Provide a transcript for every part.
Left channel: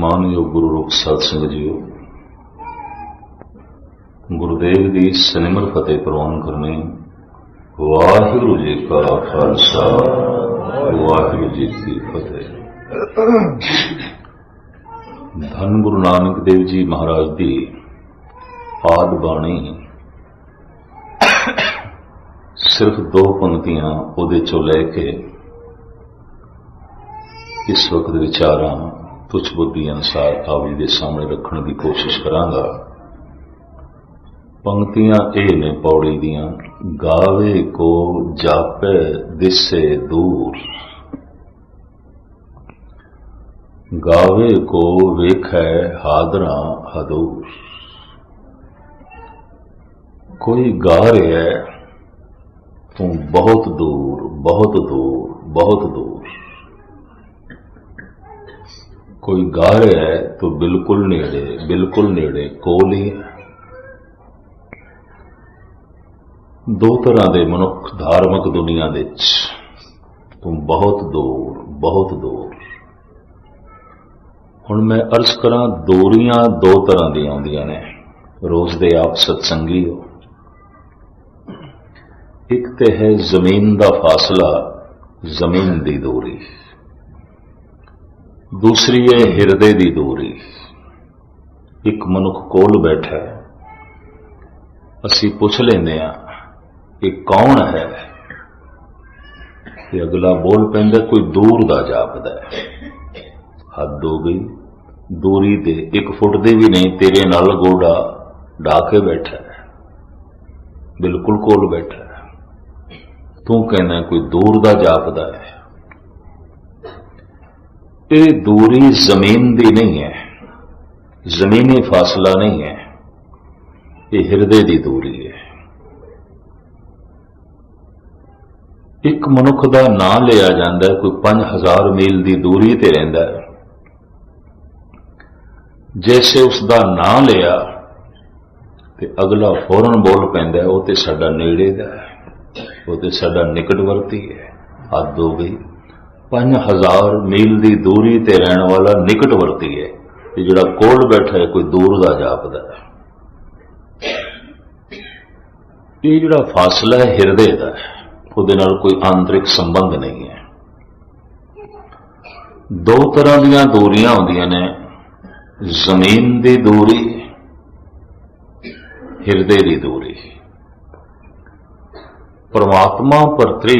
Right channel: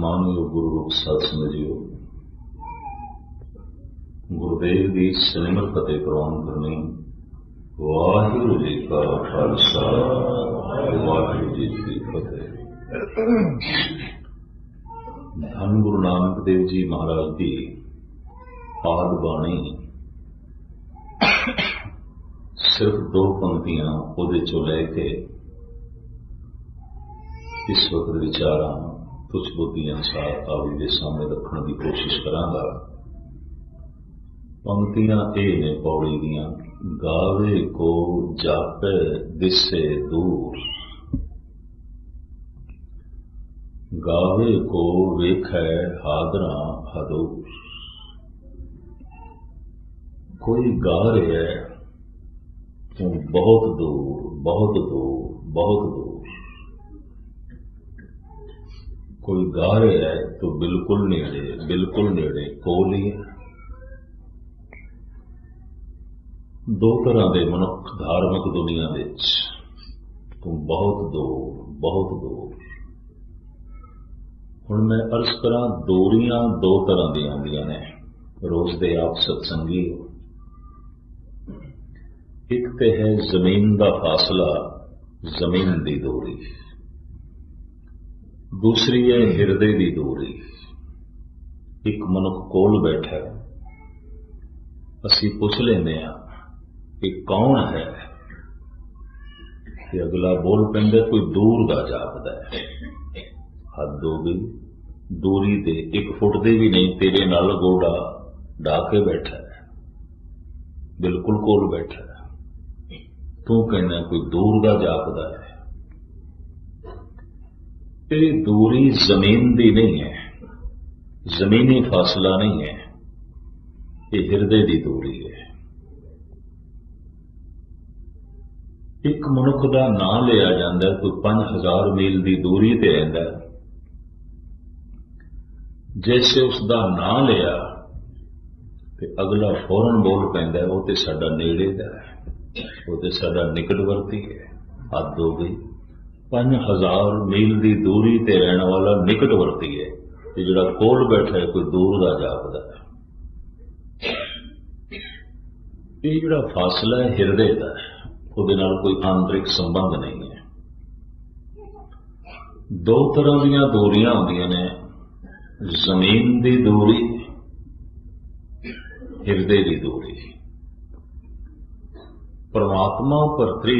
मानयोग गुरु रूप साध संगत जीओ, गुरुदेव की सनिमर फतेह प्रवान करने। वाहिगुरु जी का खालसा, वाहिगुरु जी की फतेह। धन गुरु नानक देव जी महाराज की आद बाणी सिर्फ दो पंक्तियां उहदे चों लैके इस वक्त विचारां तुच्छ बुद्धि अनुसार आप जी के सामने रखने की कोशिश करांगा। पंक्तियां ये ने पौड़ी दियां, गावे को जापे दिसे दूर, गावे को वेखै हादरा हदूर। कोई गा रहा है तू बहुत दूर, बहुत दूर, बहुत दूर। कोई गा रहा है तो बिल्कुल नेड़े, बिल्कुल नेड़े, कोल ही है। दो तरह के मनुख धार्मिक दुनिया विच, तू बहुत दूर, बहुत दूर। हुण मैं अर्ज करा, दूरियां दो तरह दी आउंदियां ने। रोज दे आप सत्संगी हो। एक ते है जमीन का फासला, जमीन की दूरी। दूसरी है हिरदे की दूरी। एक मनुख कोल बैठा है, असी पुछ लेंदे आ कि कौन है, ते अगला बोल पैंदा कोई दूर दा जापदा है। हद हो गई, दूरी ते 1 फुट दे भी नहीं, तेरे नाल गोडा ढा के बैठा है, बिल्कुल कोल बैठा है। तू कहना कोई दूर दा जापदा है। ये दूरी जमीन दी नहीं है, जमीनी फासला नहीं है, ये हिरदे दी दूरी है। एक मनुख का नाम लिया जाता है, कोई 5000 मील की दूरी ते रहिंदा है। जैसे उसका नाम लिया ते अगला फौरन बोल पैंदा है, वो ते साडा नेड़े दा है, वो ते साडा निकटवर्ती है। हद हो गई, 5000 मील की दूरी ते रहने वाला निकटवर्ती है, ते जिहड़ा कोल बैठा है कोई दूर दा जापदा है। ये जिहड़ा फासला है हिरदे दा है, उहदे नाल कोई आंतरिक संबंध नहीं है। दो तरह दीयां दूरियां होंदियां ने, जमीन की दूरी, हिरदे की दूरी। परमात्मा प्रति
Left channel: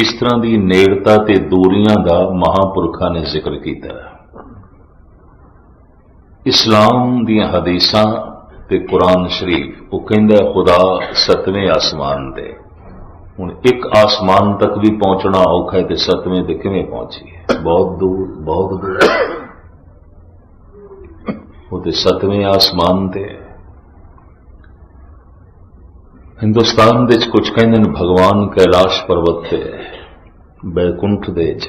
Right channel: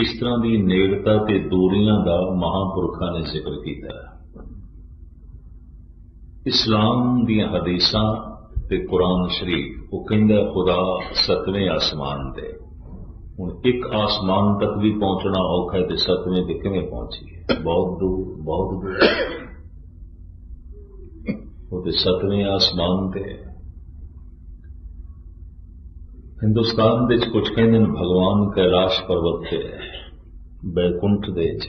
इस तरह की नेड़ता ते दूरियां का महापुरखा ने जिक्र किया। इस्लाम दी हदीसां ते कुरान शरीफ वो कहंदा खुदा 7वें आसमान ते। हुण एक आसमान तक भी पहुंचना औखा है, तो 7वें ते किवें पहुंची है? बहुत दूर, बहुत दूर। वो ते 7वें आसमान ते। हिंदुस्तान दे कुछ कहंदे ने भगवान कैलाश पर्वत ते, बैकुंठ दे च,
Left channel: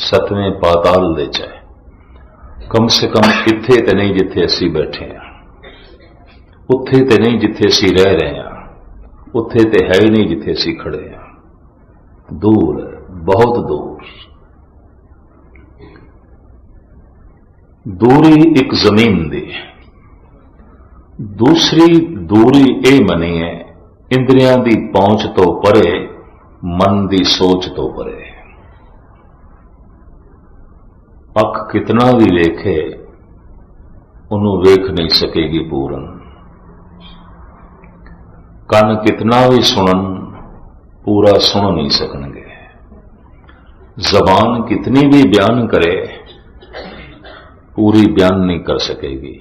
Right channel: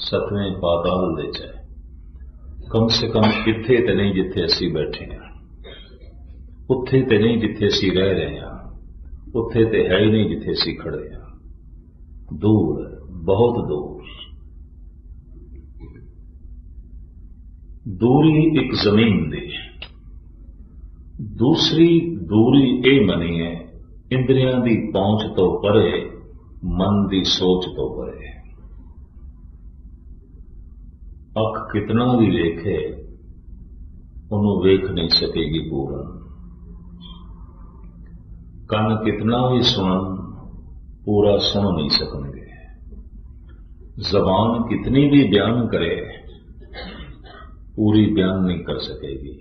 7वें पाताल दे च। कम से कम इत्थे ते नहीं जिथे असी बैठे हैं, उत्थे ते नहीं जिथे असी रह रहे हैं, उत्थे ते है ही नहीं जिथे असी खड़े हैं। दूर है, बहुत दूर। दूरी एक जमीन दी। दूसरी दूरी ये मनी है, इंद्रियां दी पहुंच तो परे, मन दी सोच तो परे। अख कितना भी वेखे, उन्हों वेख नहीं सकेगी पूरन। कान कितना भी सुनन, पूरा सुन नहीं सकणगे। जबान कितनी भी बयान करे, पूरी बयान नहीं कर सकेगी।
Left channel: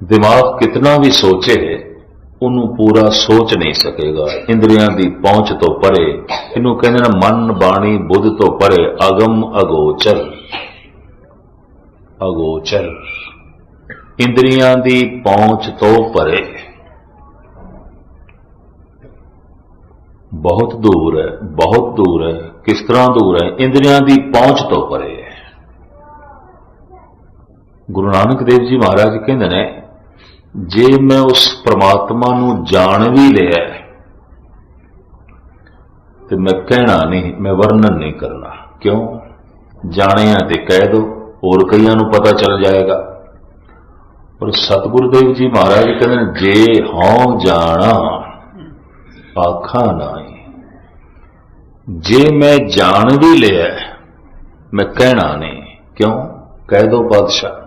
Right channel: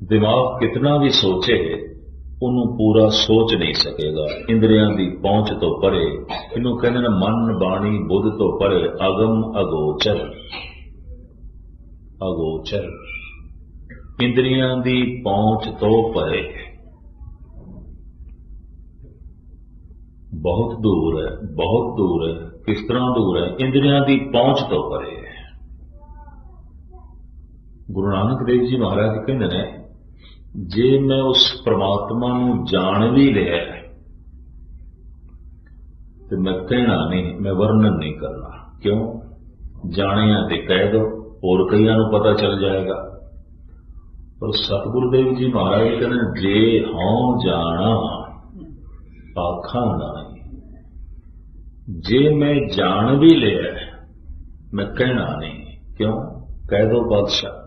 दिमाग कितना भी सोचे, उन्हों पूरा सोच नहीं सकेगा। इंद्रियां दी पहुंच तो परे, इनू कहते ना मन बाणी बुद्ध तो परे, अगम अगोचर। अगोचर इंद्रियां दी पहुंच तो परे, बहुत दूर है, बहुत दूर है। किस तरह दूर है? इंद्रियां दी पहुंच तो परे है। गुरु नानक देव जी महाराज कहते ने, जे मैं उस परमात्मा नू जान भी लिया तो मैं कहना नहीं, मैं वर्णन नहीं करना। क्यों? जाने ते कह दो, और कईयां नूं पता चल जाएगा। और सतगुरुदेव जी महाराज कहते जे हों जाना आखा नाई, जे मैं जान भी लिया मैं कहना नहीं। क्यों? कह दो बादशाह।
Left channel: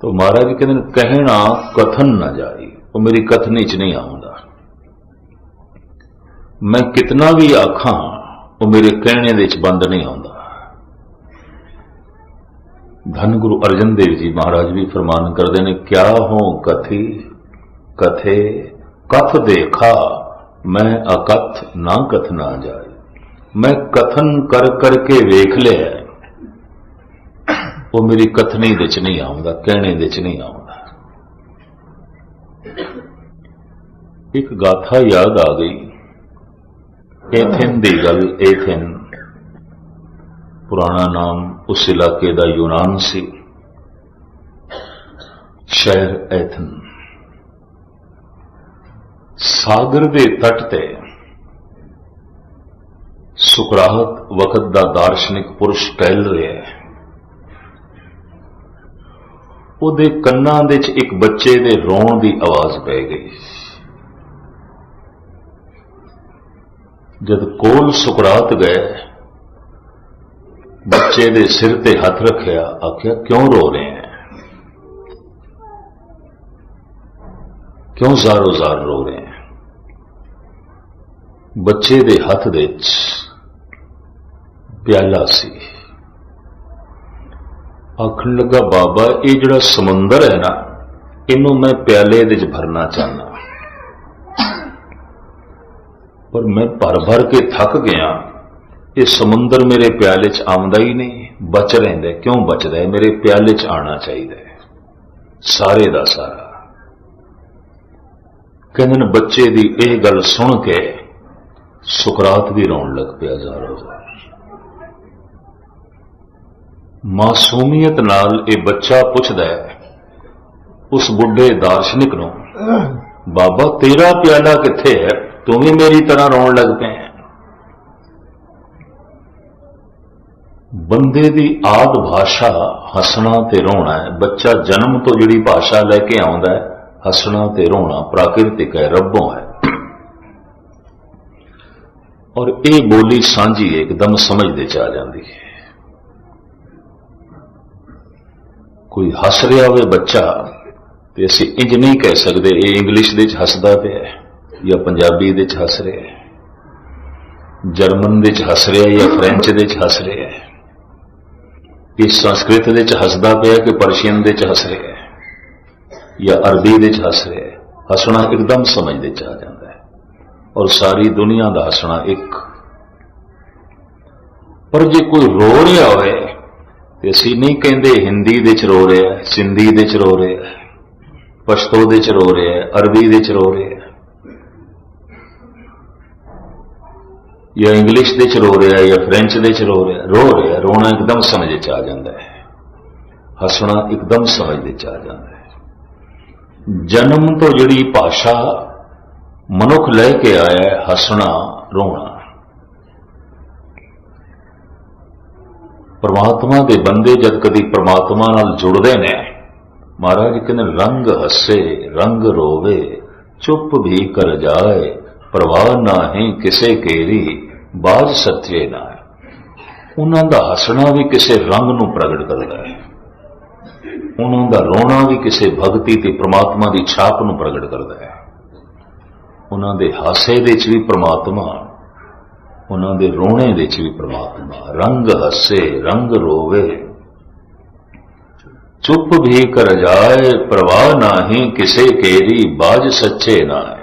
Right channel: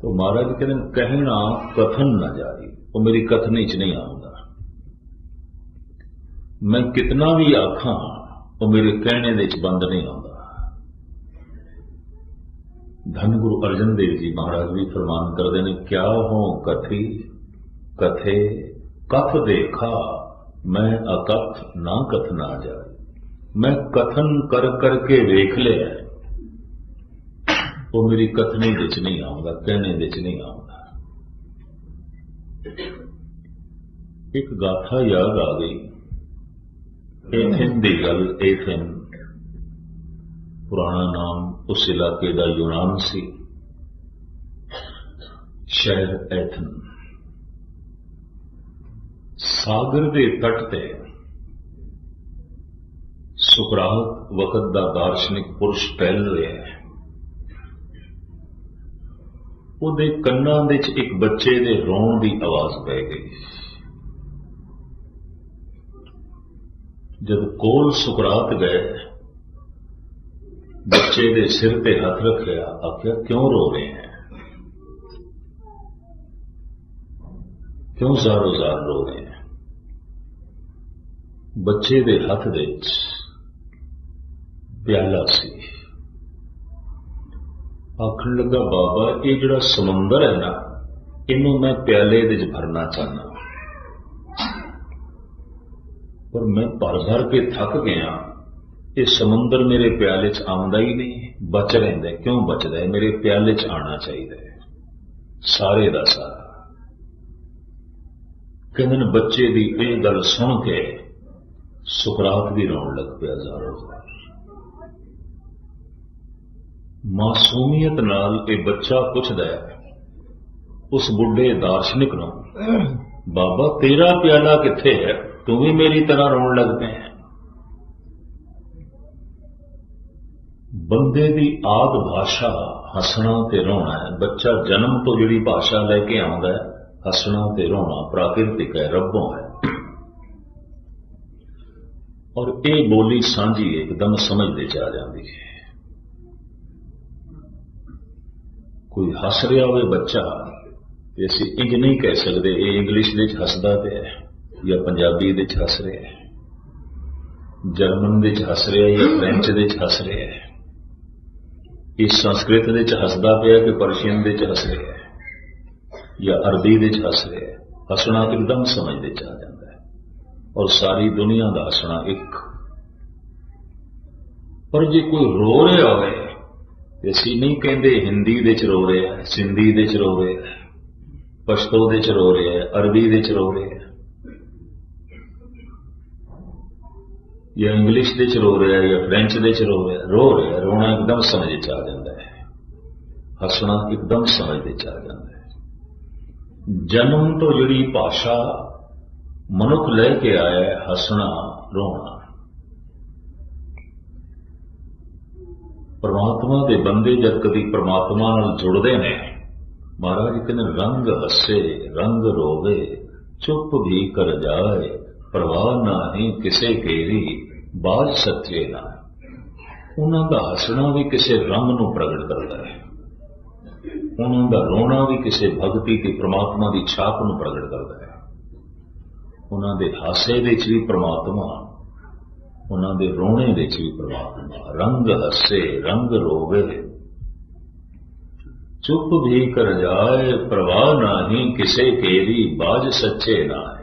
तो महाराज कहते कहना कथन ना जाए, वो मेरी कथनी च नहीं आऊंगा। मैं कितना भी आखा वो मेरे कहने दे च बंद नहीं आਉਂਦਾ। धन गुरु अर्जन देव जी महाराज भी फरमान करते हैं, क्या हो कथी कथे कथ देखा मैं अकथ ना कथ ना जाए। मैं कथन कर करके वेख लिया, वो मेरी कथनी दे च नहीं आऊंगा, कहने दे च नहीं आऊंगा। एक गाथा याद आ गई। एथेन दी गल, एथेन पुराना नाम उस इलाके का यूनान सी, शहर एथन। सागर के तट ते सुकरात वक्त का दार्शनिक पुरुष टहल रहा है। उहदे कन्नां दे च एक बच्चे दे रोण की आवाज पै गई। जब कोल सुकरात गए, बच्चे दे सिर ते हथ रखिया, आख्या क्यों रो रहे हैं, क्यों जारो जार रो रहे हैं। बच्चे दे हथ दे प्याला सी। आखन लगा, बाबा ये जिहड़ा समुंदर है ना, इनू मैं प्याले दे च भरना चाहना, पर मैं भर भर के थक गया। ये समुंदर मेरे प्याले च आउंदा ही नहीं, बच रहिंदा। क्यों बचदा है? मेरे प्याले च आना चाहिए सारे दा सारा। कहंदे ने बच्चे दी यह गल सुन के सुकरात भी रोन लग पिया जारो जार। मासूमियत नाल ये बच्चा पुछदा है उस बुढ़े दार्शनिक नूं, बाबा तेरा प्याला कित्थे है, तू भी मेरी तरह रोन लग पे। बंदे दी आद भाषा हसना ते रोना है। बच्चा जन्म तो जिहड़ी भाषा लैके आउंदा है, हसना ते रोना प्राकृतिक है, रब्बों है। और ये बोली सांझी एकदम समझदे च आ जाती है। कोई हस रहा हो बच्चा तो असीं इंज नहीं कह सकते ये इंग्लिश दे च हसदा पिया या पंजाबी दे च हस रहा है, जर्मन दे च हस रहा है या फ्रेंच दे च हस रहा है, इस संस्कृत दे च हसदा पिया कि पर्शियन दे च हस रहा है या अरबी दे च हस रहा है। हसना एकदम समझदे च आ जाता है। और सारी दुनिया का हसना एक। पर जे कोई रो रहा होए ते असीं नहीं कहंदे हिंदी दे च रो रहा है, सिंधी दे च रो रहा है, पश्तो दे च रो रहा है, अरबी दे च रो रहा है या इंग्लिश दे च रो रहा है या फ्रेंच दे च रो रहा है। रोना एकदम समझ च आ जाता है, हसना एकदम समझ च आ जाता है। जन्म तो जिहड़ी भाषा मनुख लैके आया है, हसना रोना। परमात्मा के बंदे जद कदी परमात्मा नाल जुड़ते हैं, महाराज कहते रंग हसे रंग रोवे चुप भी कर जाए, परवाह ना है किसे केरी बाज सच्चे ना है। उन्हों का हसना भी किसी रंग नूं प्रगट करता है, उन्हों का रोना भी किसी भगती ते परमात्मा की छाप नूं प्रगट करता है। उन्हों के हासे दे च भी परमात्मा, उन्हों के रोने दे च भी परमात्मा। रंग हसे रंग रोवे चुप भी कर जाए, परवाह ना ही किसे केरी बाज सच्चे ना है।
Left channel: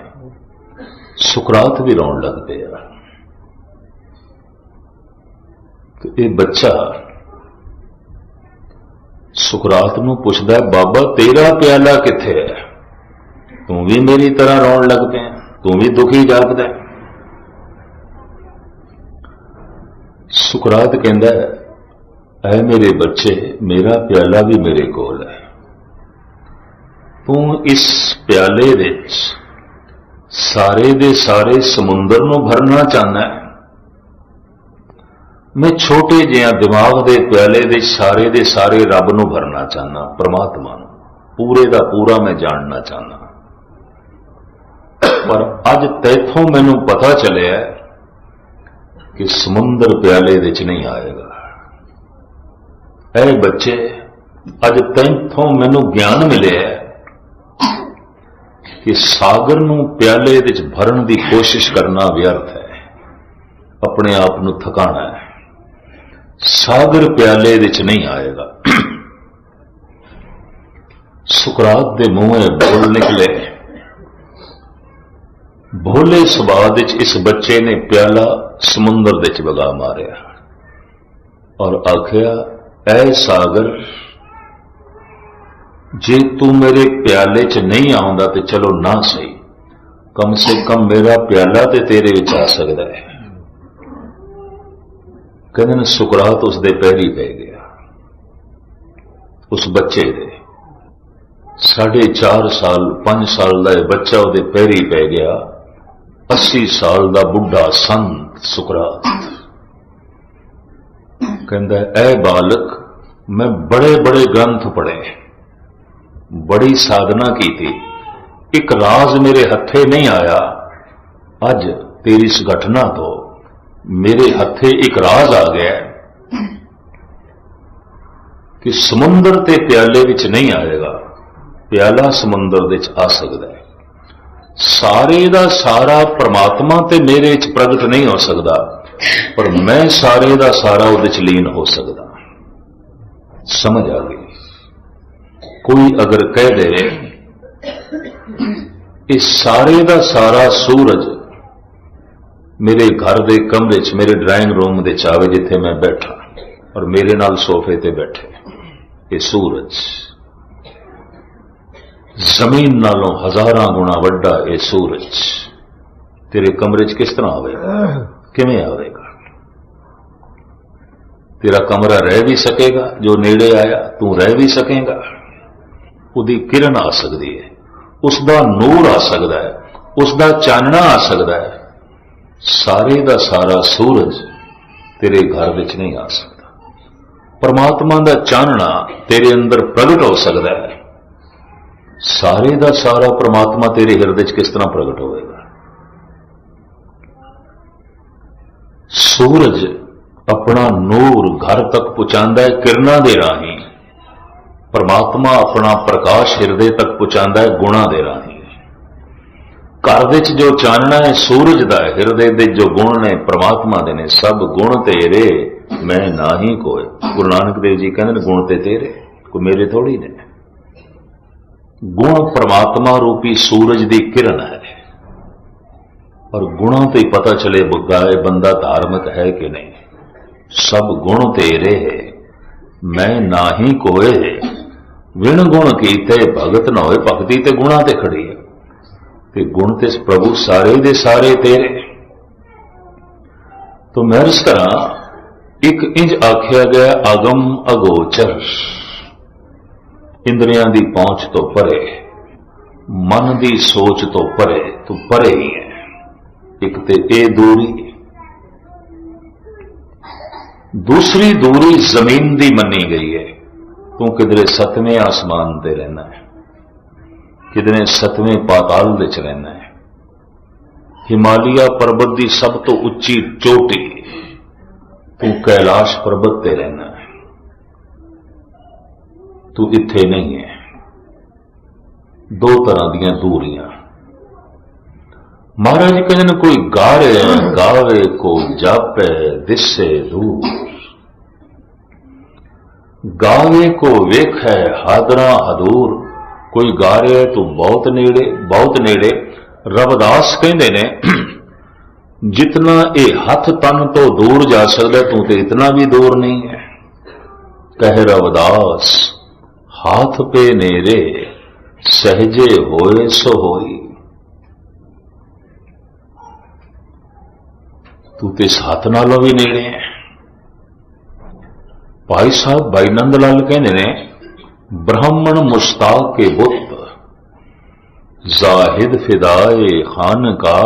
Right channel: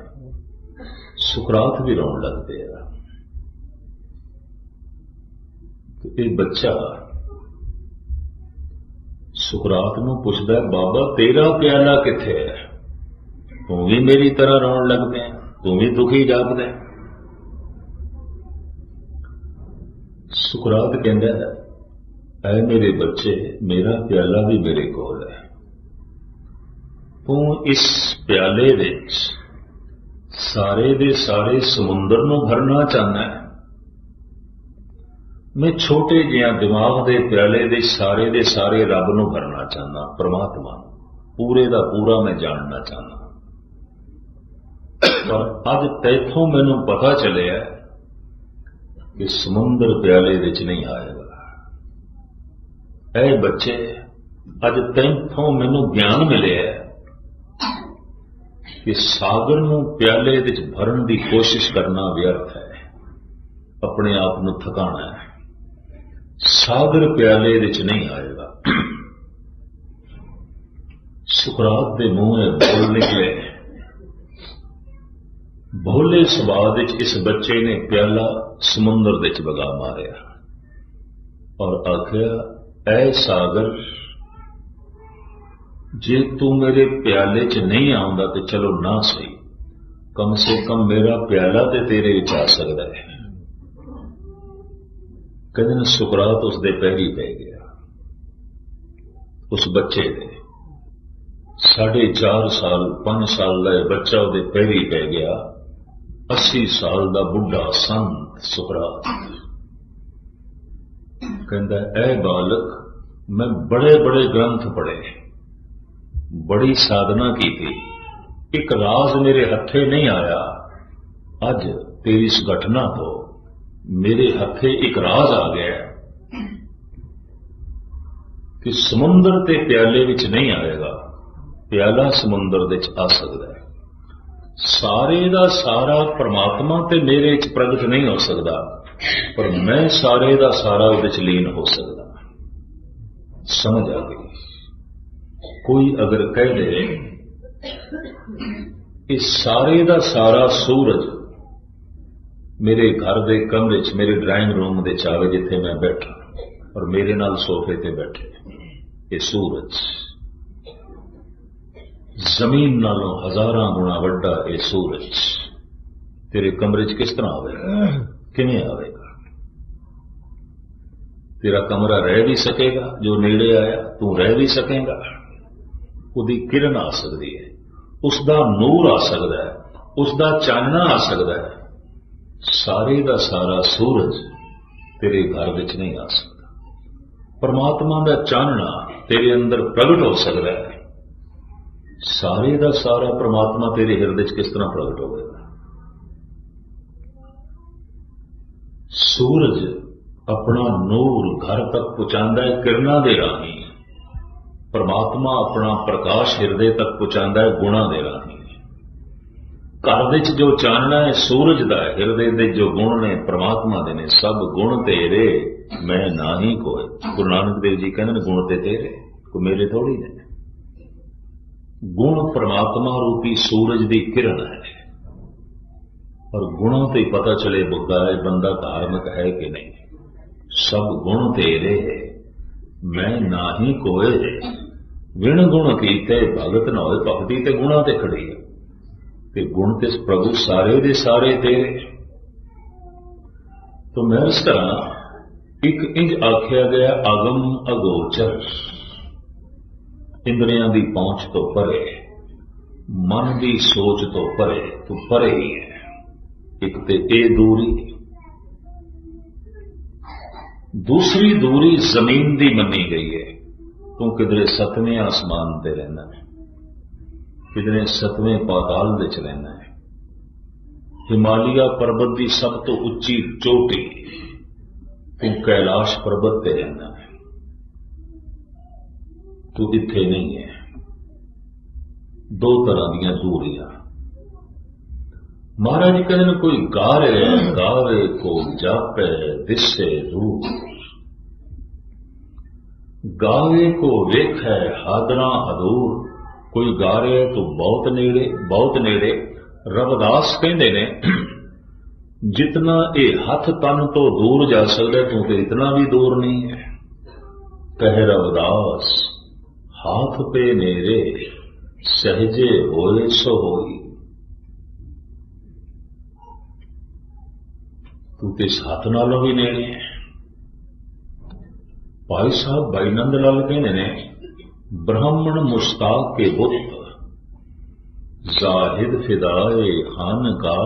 सुकरात भी रोन लग पिया। तो ये बच्चा सुकरात नूं पुछदा है, बाबा तेरा प्याला कित्थे है, तू भी मेरी तरह रोन लग पिया, तू भी दुखी जापदा है। सुकरात कहंदा है, ऐ मेरे बच्चे मेरा प्याला भी मेरे कोल है, तू इस प्याले विच सारे दे सारे समुंदर नूं भरना चाहना है, मैं छोटे जिहा दिमाग के प्याले दे सारे रब नूं भरना चाहना, परमात्मा नूं पूरे दा पूरा मैं जानना चाहना। पर अज तैथों मैनू पता चलिया कि समुंदर प्याले विच नहीं आएगा। ऐ बच्चे, अज तैथों मैनू ज्ञान मिले कि सागर नूं प्याले विच भरन की कोशिश करना व्यर्थ है, अपने आप नूं थकाना है। सागर प्याले विच नहीं आएगा। सुकरात दे मुंह बोल निकले, भोले सुभाव विच इस बच्चे ने प्याला समुंदर विच वगा मारिया और आखिया, ऐ सागर, जे तू मेरे प्याले च नहीं आउंदा तो चलो ना सही, कम से कम मेरा प्याला ते तेरे विच आ सकदा है। कहते ने सुकरात उसदे पैरी पै गया, उस बच्चे दे 4.5 साल 5 साल का बच्चा उसदे पैरी पै गया। 80 साल का बुढ़ा संत सुकरात कहता, ऐ बालक, मैं बड़े बड़े ग्रंथ पढ़े, बड़ी साधना की थी, एक राज मेरे हथे नहीं आया। अज तेरी इस घटना तो मेरे हथे एक राज आ गया कि समुंदर ते प्याले विच नहीं आएगा, प्याला समुंदर विच आ सकता है। सारे दा सारा परमात्मा ते मेरे च प्रगट नहीं हो सकता, पर मैं सारे दा सारा उहदे च लीन हो सकता। समझ आ गई? कोई अगर कह दे इस सारे दा सारा सूरज मेरे घर दे कमरे च, मेरे ड्राइंग रूम दे चावे जिथे मैं बैठा और मेरे नाल सोफे ते बैठे, ये सूरज जमीन नालों 1000 गुणा वड्डा, ये सूरज तेरे कमरे च किस तरह आवेगा, किवें आवेगा? तेरा कमरा रह भी सकेगा, जो नेड़े आया तू रह भी सकेगा, उसकी किरण आ सकती है, उसका नूर आ सकता है, उसका चानना आ सकता है। सारे दा सारा सूरज तेरे घर विच नहीं आ सकता। परमात्मा दा चानना तेरे अंदर प्रगट हो सकता है, सारे दा सारा परमात्मा तेरे हिरदे च किस तरह प्रगट होएगा? सूरज अपना नूर घर तक पहुंचाता है किरणा दे राही, परमात्मा अपना प्रकाश हिरदे तक पहुंचाता है गुणा दे राही। घर विच जो चानना है सूरज दा, हिरदे दे जो गुण ने परमात्मा दे ने, सब गुण तेरे मैं ना ही कोई। गुरु नानक देव जी कहते हैं गुण ते तेरे, कोई मेरे थोड़ी ने। गुण परमात्मा रूपी सूरज दी किरण है, और गुणों ते पता चले बुगाए बंदा धार्मिक है कि नहीं। सब गुण तेरे मैं ना ही कोई, विण गुण कीते भगत न होए, भगती ते गुणा ते खड़ी है, ते गुण ते प्रभु सारे दे सारे तेरे। तो मैं इस तरह एक इंज आख्या गया अगम अगोचर, इंद्रियां दी पहुंच तो परे, मन दी सोच तो परे, तो परे ही है। एक ते ए दूरी, दूसरी दूरी जमीन दी मनी गई है। तू किधरे 7वें आसमान ते रहना है, किधरे 7वें पाताल विच रहना है। हिमालय पर्वत की सब तो उच्ची चोटी, तू कैलाश पर्वत ते रहना है, तू इत्थे नहीं है। दो तरह दियां दूरियां। महाराज कहते कोई गारे गावे को जापे दिसे दूर, गावे को वेखै हादरा हदूर। कोई गा रहा है तो बहुत नेड़े, बहुत नेड़े। रविदास कहते ने जितना ये हथ तन तो दूर जा सकता तू तो इतना भी दूर नहीं है। कह रविदास हाथ पे नेरे सहजे होए सो होई। तू तो इस हाथ नालों भी नेड़े है। भाई साहब भाई नंद लाल कहते ने ब्राह्मण मुश्ताक के बुत, जाहिद फिदाए खान का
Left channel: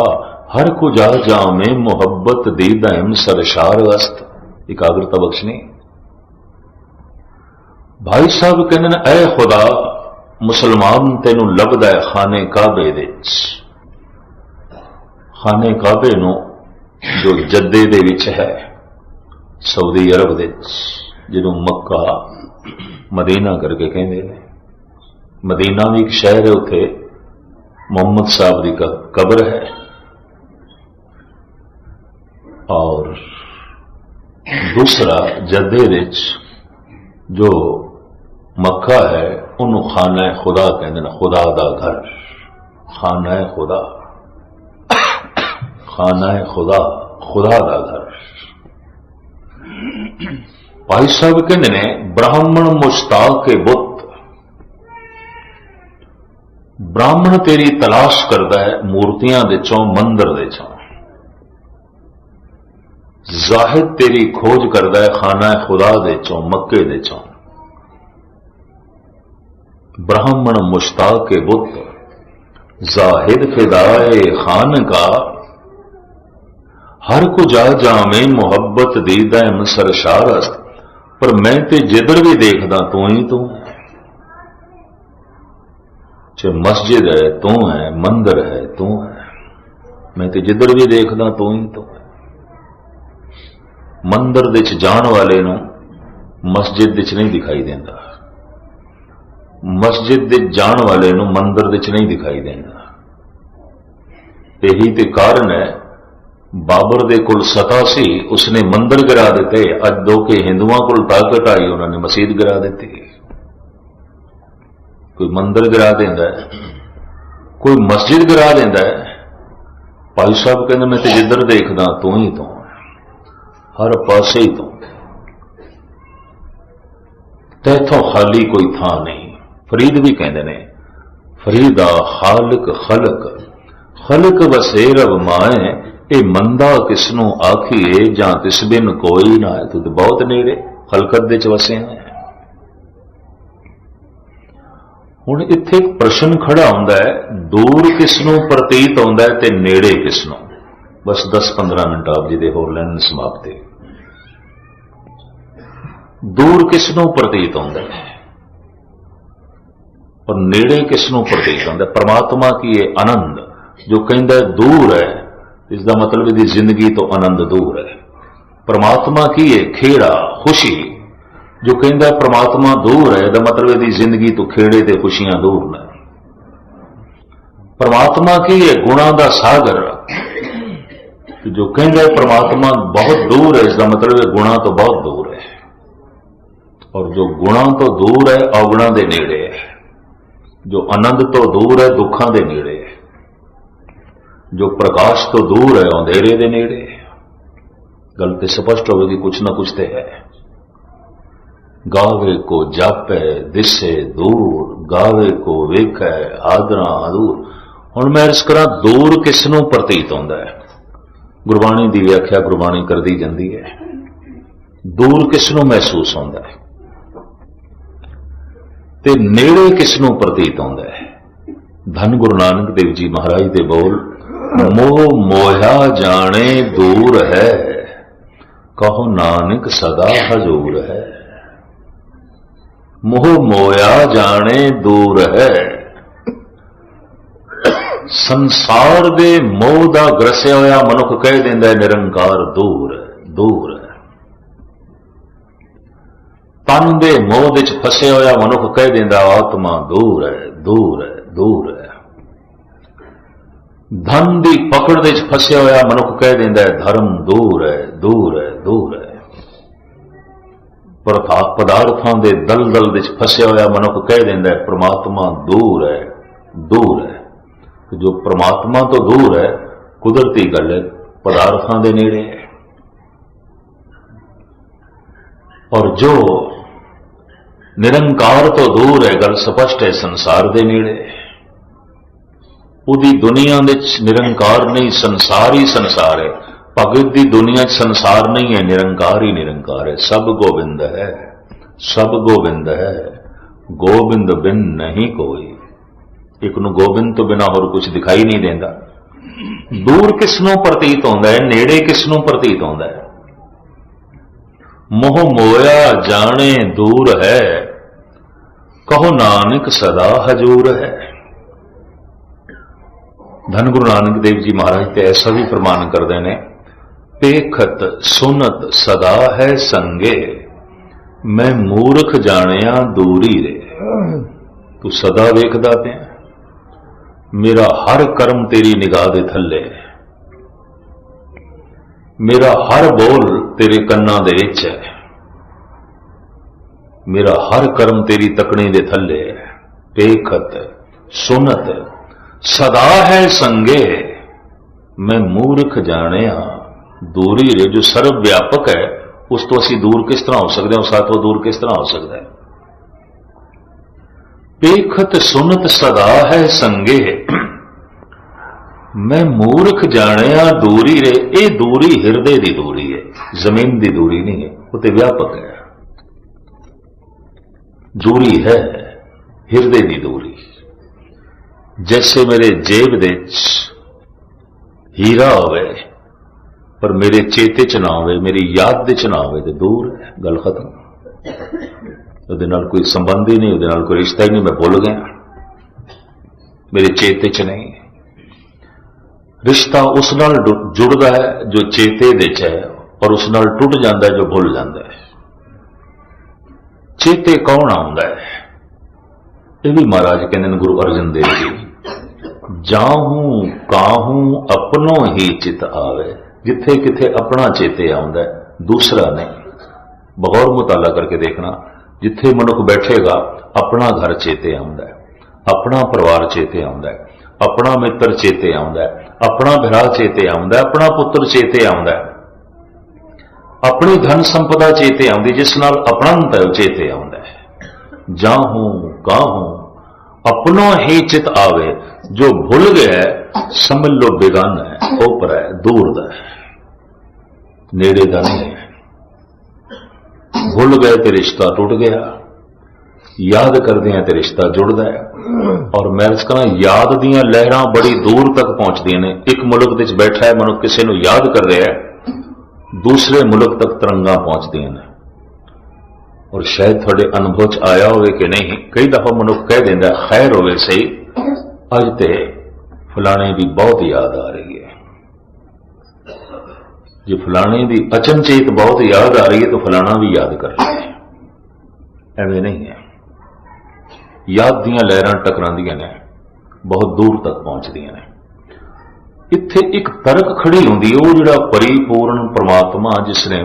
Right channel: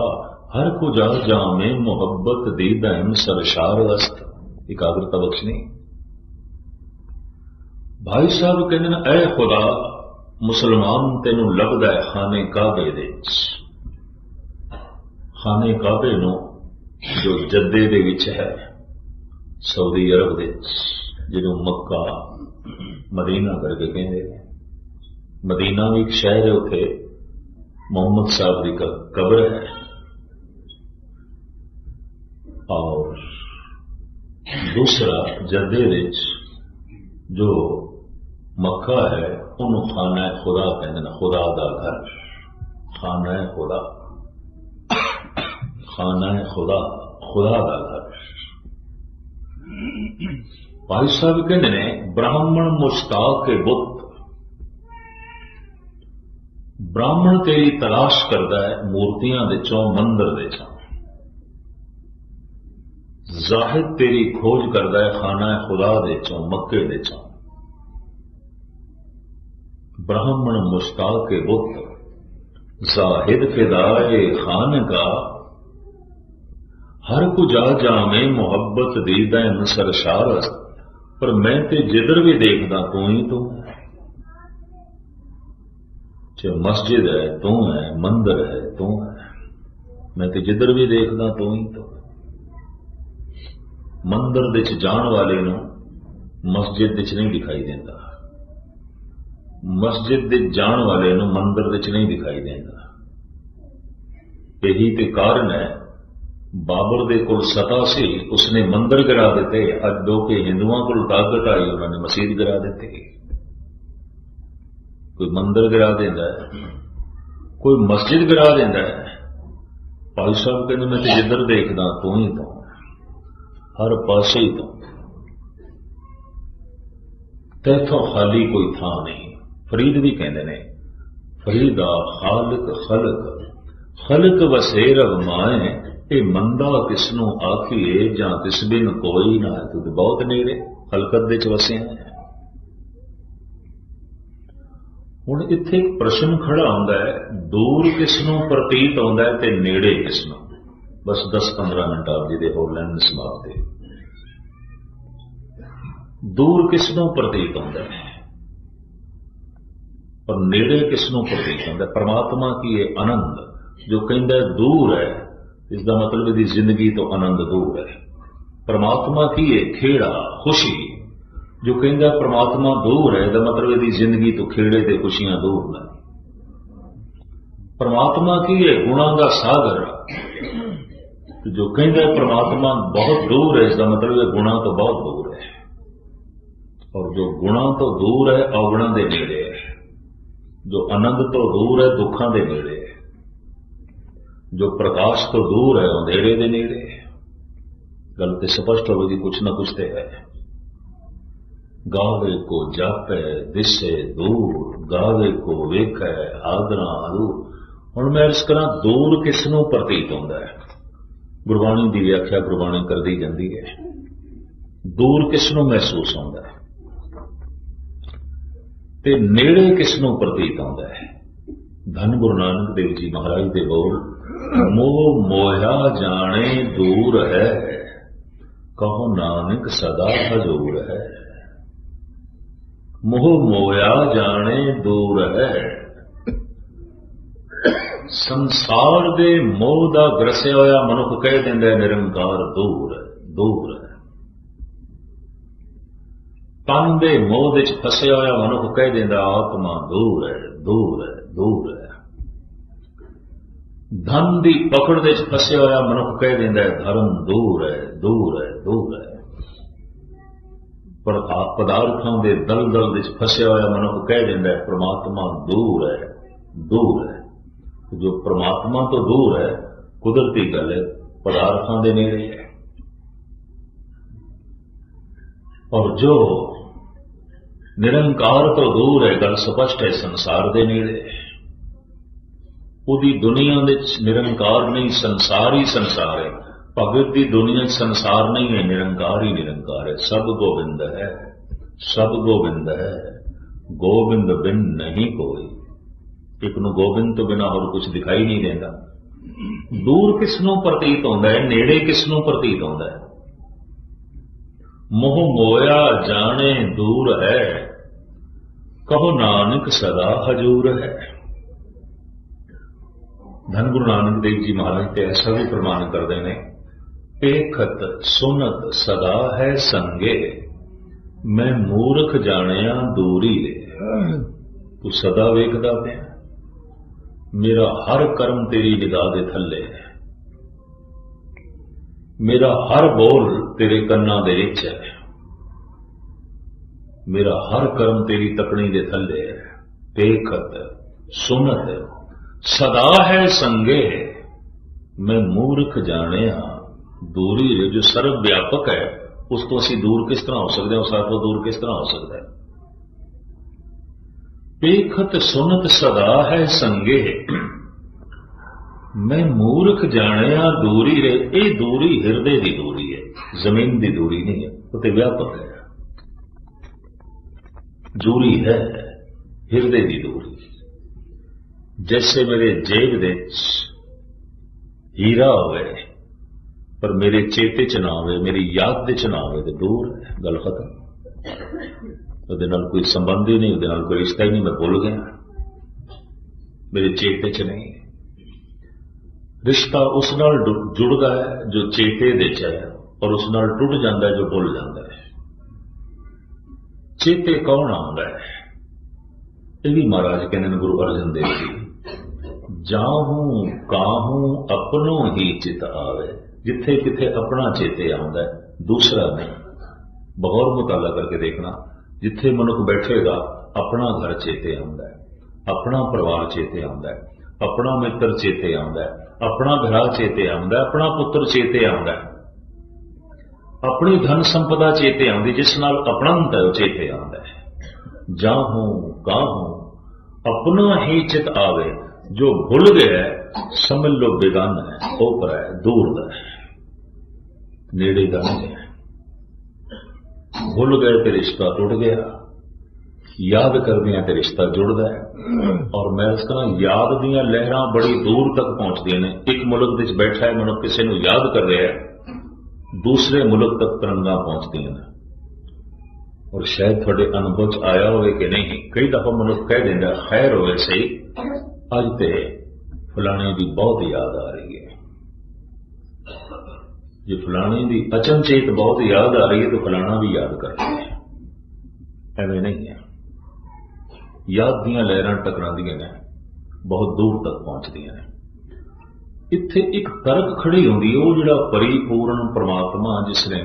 हर कुजा जामे मोहब्बत दीदाम सरशार अस्त। इकाग्रता बख्शनी। भाई साहब कहते हैं, ऐ खुदा मुसलमान तेनू लभदा है खाने काबे दे विच। खाने काबे नू जो जद्दे दे विच है सऊदी अरब दे विच, जिन्हों मक्का मदीना करके कहते हैं। मदीना भी एक शहर है, उत्थे मोहम्मद साहब की कब्र है। और दूसरा जद्दे विच जो मक्का है उन्होंने खाना खुदा कहते हैं, खुदा दा घर, खाना खुदा, खाना खुदा, खुदा दा घर। भाई साहब कहते हैं, ब्राह्मण मुश्ताक के बुत, ब्राह्मण तेरी तलाश करता है मूर्तियां दे चों, मंदिर दे चों। जाहिद तेरी खोज करता है खाना खुदा दे चों, मक्के दे चों। ब्राह्मण मुश्ताक के बुत, जाहिद फिदाए खान का, हर को जा जामे मुहब्बत दीदा मसर शारस्त। पर मैं ते जिधर भी देखदा तू ही तू है। चाहे मस्जिद है तू है, मंदिर है तू है। मैं ते जिधर भी देखदा तू ही तू है। मंदिर दे च जाण वाले नूं मस्जिद दे च नहीं दिखाई देंदा, मस्जिद दे जाण वाले नूं मंदिर दे च नहीं दिखाई देंदा। यही ते कारण है, बाबर दे कोल सता सी, उसने मंदिर गिरा दिते। अज दो के हिंदुओं कोल ताकत आई, उन्होंने मसीद गिरा दी। कोई मंदिर गिरा देंदा है, कोई मस्जिद गिरा देंदा है। भाई साहब कहते मैं तो जिधर देखदा तू ही तू, हर पासे ही तू, तैथों खाली कोई थां नहीं। फरीद भी कहते ने, फरीदा खालक खलक, खलक वसे रब माए। ये मंदा किसनों आखिए, जां तिस बिन कोई ना है। तू तो बहुत नेड़े खलकत दे च वसे है। हुण इत्थे एक प्रश्न खड़ा होंदा है, दूर किसनों प्रतीत होंदा है ते नेड़े किसनों। बस 10-15 मिनट आप जी दे होर लैन समाप्ति। दूर किसनों प्रतीत होंदा है और नेड़े किसनों प्रतीत होंदा है। परमात्मा की ये आनंद जो कहता दूर है, इसका मतलब यदि जिंदगी तो आनंद दूर है। परमात्मा की ये खेड़ा खुशी जो कहता परमात्मा दूर है, इसका मतलब यदि जिंदगी तो खेड़े ते खुशियां दूर न। परमात्मा की ये गुणा का सागर जो कहता परमात्मा बहुत दूर है, इसका मतलब ये गुणा तो बहुत दूर है। और जो गुणा तो दूर है, अवगुणा दे नेड़े है। जो आनंद तो दूर है, दुखों दे नेड़े है। जो प्रकाश तो दूर है, अंधेरे दे नेड़े है। गल तो स्पष्ट होगी, कुछ ना कुछ तो है। गावे को जापे दिसे दूर, गावे को वेखे आदरा दूर। हुण मैं इस करा दूर किसनों प्रतीत होंदा है। गुरबाणी की व्याख्या गुरबाणी कर दी जाती है। दूर किसनों महसूस होंदा है ते नेड़े किसनों प्रतीत होंदा है। धन गुरु नानक देव जी महाराज दे बोल, मोह मोया जाने दूर है, कहो नानक सदा हजूर है। मोह मोया जाने दूर है। संसार दे मोह दा ग्रसिया होया मनुख कह देंदा है निरंकार दूर है, दूर है। तन दे मोह दे च फसे होया मनुख कह देंदा आत्मा दूर है, दूर है, दूर है। धन दी पकड़ दे च फसे होया मनुख कह देंदा है धर्म दूर है, दूर है, दूर है। पदार्थों के दलदल दे च फसे होया मनुख कह देंदा है परमात्मा दूर है, दूर है। जो परमात्मा तो दूर है, कुदरती गल है, पदार्थों के नेड़े है। और जो निरंकार तो दूर है, गल स्पष्ट है, संसार के नेड़े है। उदी दुनिया में निरंकार नहीं, संसार ही संसार है। भगत की दुनिया संसार नहीं है, निरंकार ही निरंकार है। सब गोविंद है, सब गोविंद है, गोविंद बिन नहीं कोई। एक नूं गोविंद तो बिना होर कुछ दिखाई नहीं देता। दूर किसनों प्रतीत होंदा है, नेड़े किसनों प्रतीत होंदा है। मोह मोया जाने दूर है, कहो नानक सदा हजूर है। धन गुरु नानक देव जी महाराज तो ऐसा भी प्रमाण करते हैं, पेखत सुनत सदा है संगे, मैं मूर्ख जानिया दूरी रे। तू सदा वेखदा पिया, मेरा हर कर्म तेरी निगाह दे थल्ले, मेरा हर बोल तेरे कन्ना दे विच है, मेरा हर कर्म तेरी तकनी दे थल्ले है। पेखत सुनत सदा है संगे, मैं मूर्ख जानिया दूरी रे। जो सर्व व्यापक है उस तो असी दूर किस तरह हो सकते हैं, उस साथों दूर किस तरह हो सकता है। पेखत सुनत सदा है संगे, मैं मूर्ख जानिया दूरी रे। ये दूरी हिरदे की दूरी है, जमीन की दूरी नहीं है, वो तो व्यापक है। दूरी है हिरदे की दूरी। जैसे मेरे जेब दे हीरा होवे पर मेरे चेते च ना होवे, मेरी याद दे च ना होवे, तो दूर है, गल खत्म। ਉਹਦੇ ਨਾਲ कोई संबंध ही नहीं, ਉਹਦੇ ਨਾਲ कोई रिश्ता ही नहीं, मैं भुल गया, मेरे चेते च नहीं। रिश्ता उस नाल जुड़ता है जो चेते दे च है, और उस नाल टुट जाता है जो भुल जाता है। चेते कौन आउंदा है? ये भी महाराज कहते हैं गुरु अर्जन देव जी, जाहूं काहूं अपनों ही चित आवे। जिथे किथे अपना चेते आउंदा है, दूसरा नहीं। बगौर मुताला करके देखना, जिथे मनुख बैठेगा अपना घर चेते आउंदा है, अपना परिवार चेते आउंदा है, अपना मित्र चेते आउंदा है, अपना भरा चेते आउंदा है, अपना पुत्र चेते आउंदा है, अपनी धन संपदा चेते आउंदी, जिस नाल अपनंत है चेते आउंदा है। जाहूं काहूं अपना ही चित आवे। जो भूल गया है समझ लो बेगाना है, ऊपर है, दूर दा है, नेड़े दा नहीं है। भूल गए तो रिश्ता टूट गया, याद करते हैं तो रिश्ता जुड़ता है। और मैं कहना याद दियां लहरां बड़ी दूर तक पहुंचदियां ने। एक मुल्क विच बैठा है मनुख, किसी को याद कर रहा है, दूसरे मुल्क तक तरंगा पहुंचदियां ने। और शायद थोड़े अनुभव च आया होवे कि नहीं, कई दफा मनुख कह देंदा खैर होवे सही, अज ते फलाने की बहुत याद आ रही है। जो फलाने की अचनचेत बहुत याद आ रही है तो फलाना भी याद कर रहा है, एवं नहीं है। याद दियां लहरां टकरांदियां ने, बहुत दूर तक पहुंचदियां ने। इत्थे एक तर्क खड़ी होंदी है, वो जिहड़ा परिपूर्ण परमात्मा जिसने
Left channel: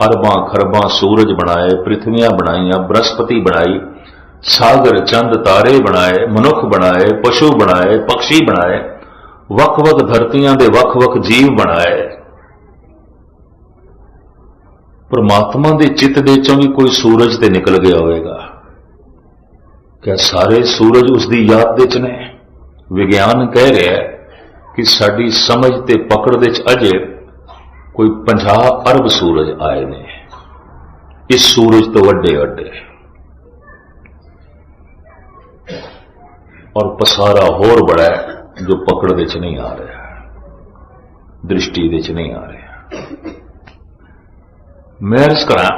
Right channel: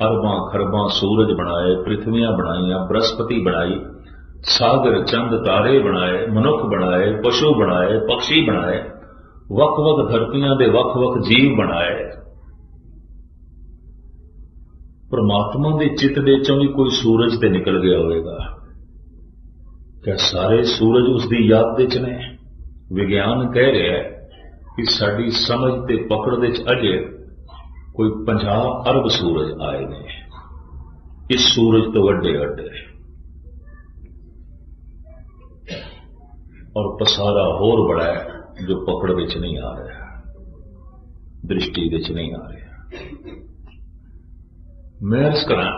अरबां खरबां सूरज बनाए, पृथ्वियां बनाईयां, बृहस्पति बनाई, सागर चंद तारे बनाए, मनुख बनाए, पशु बनाए, पक्षी बनाए, वख वख धरतियां दे वख वख जीव बनाए। परमात्मा दे चित्त दे चों भी कोई सूरज ते निकल गया होगा? क्या सारे सूरज उसकी याद दे च ने? विज्ञान कह रहा है कि साडी समझ ते पकड़ दे च अजे कोई 50 अरब सूरज आए ने, इस सूरज तो वड्डे वड्डे, और पसारा होर बड़ा है जो पकड़ दे च नहीं आ रहा, दृष्टि दे च नहीं आ रहा। मैं अर्ज करा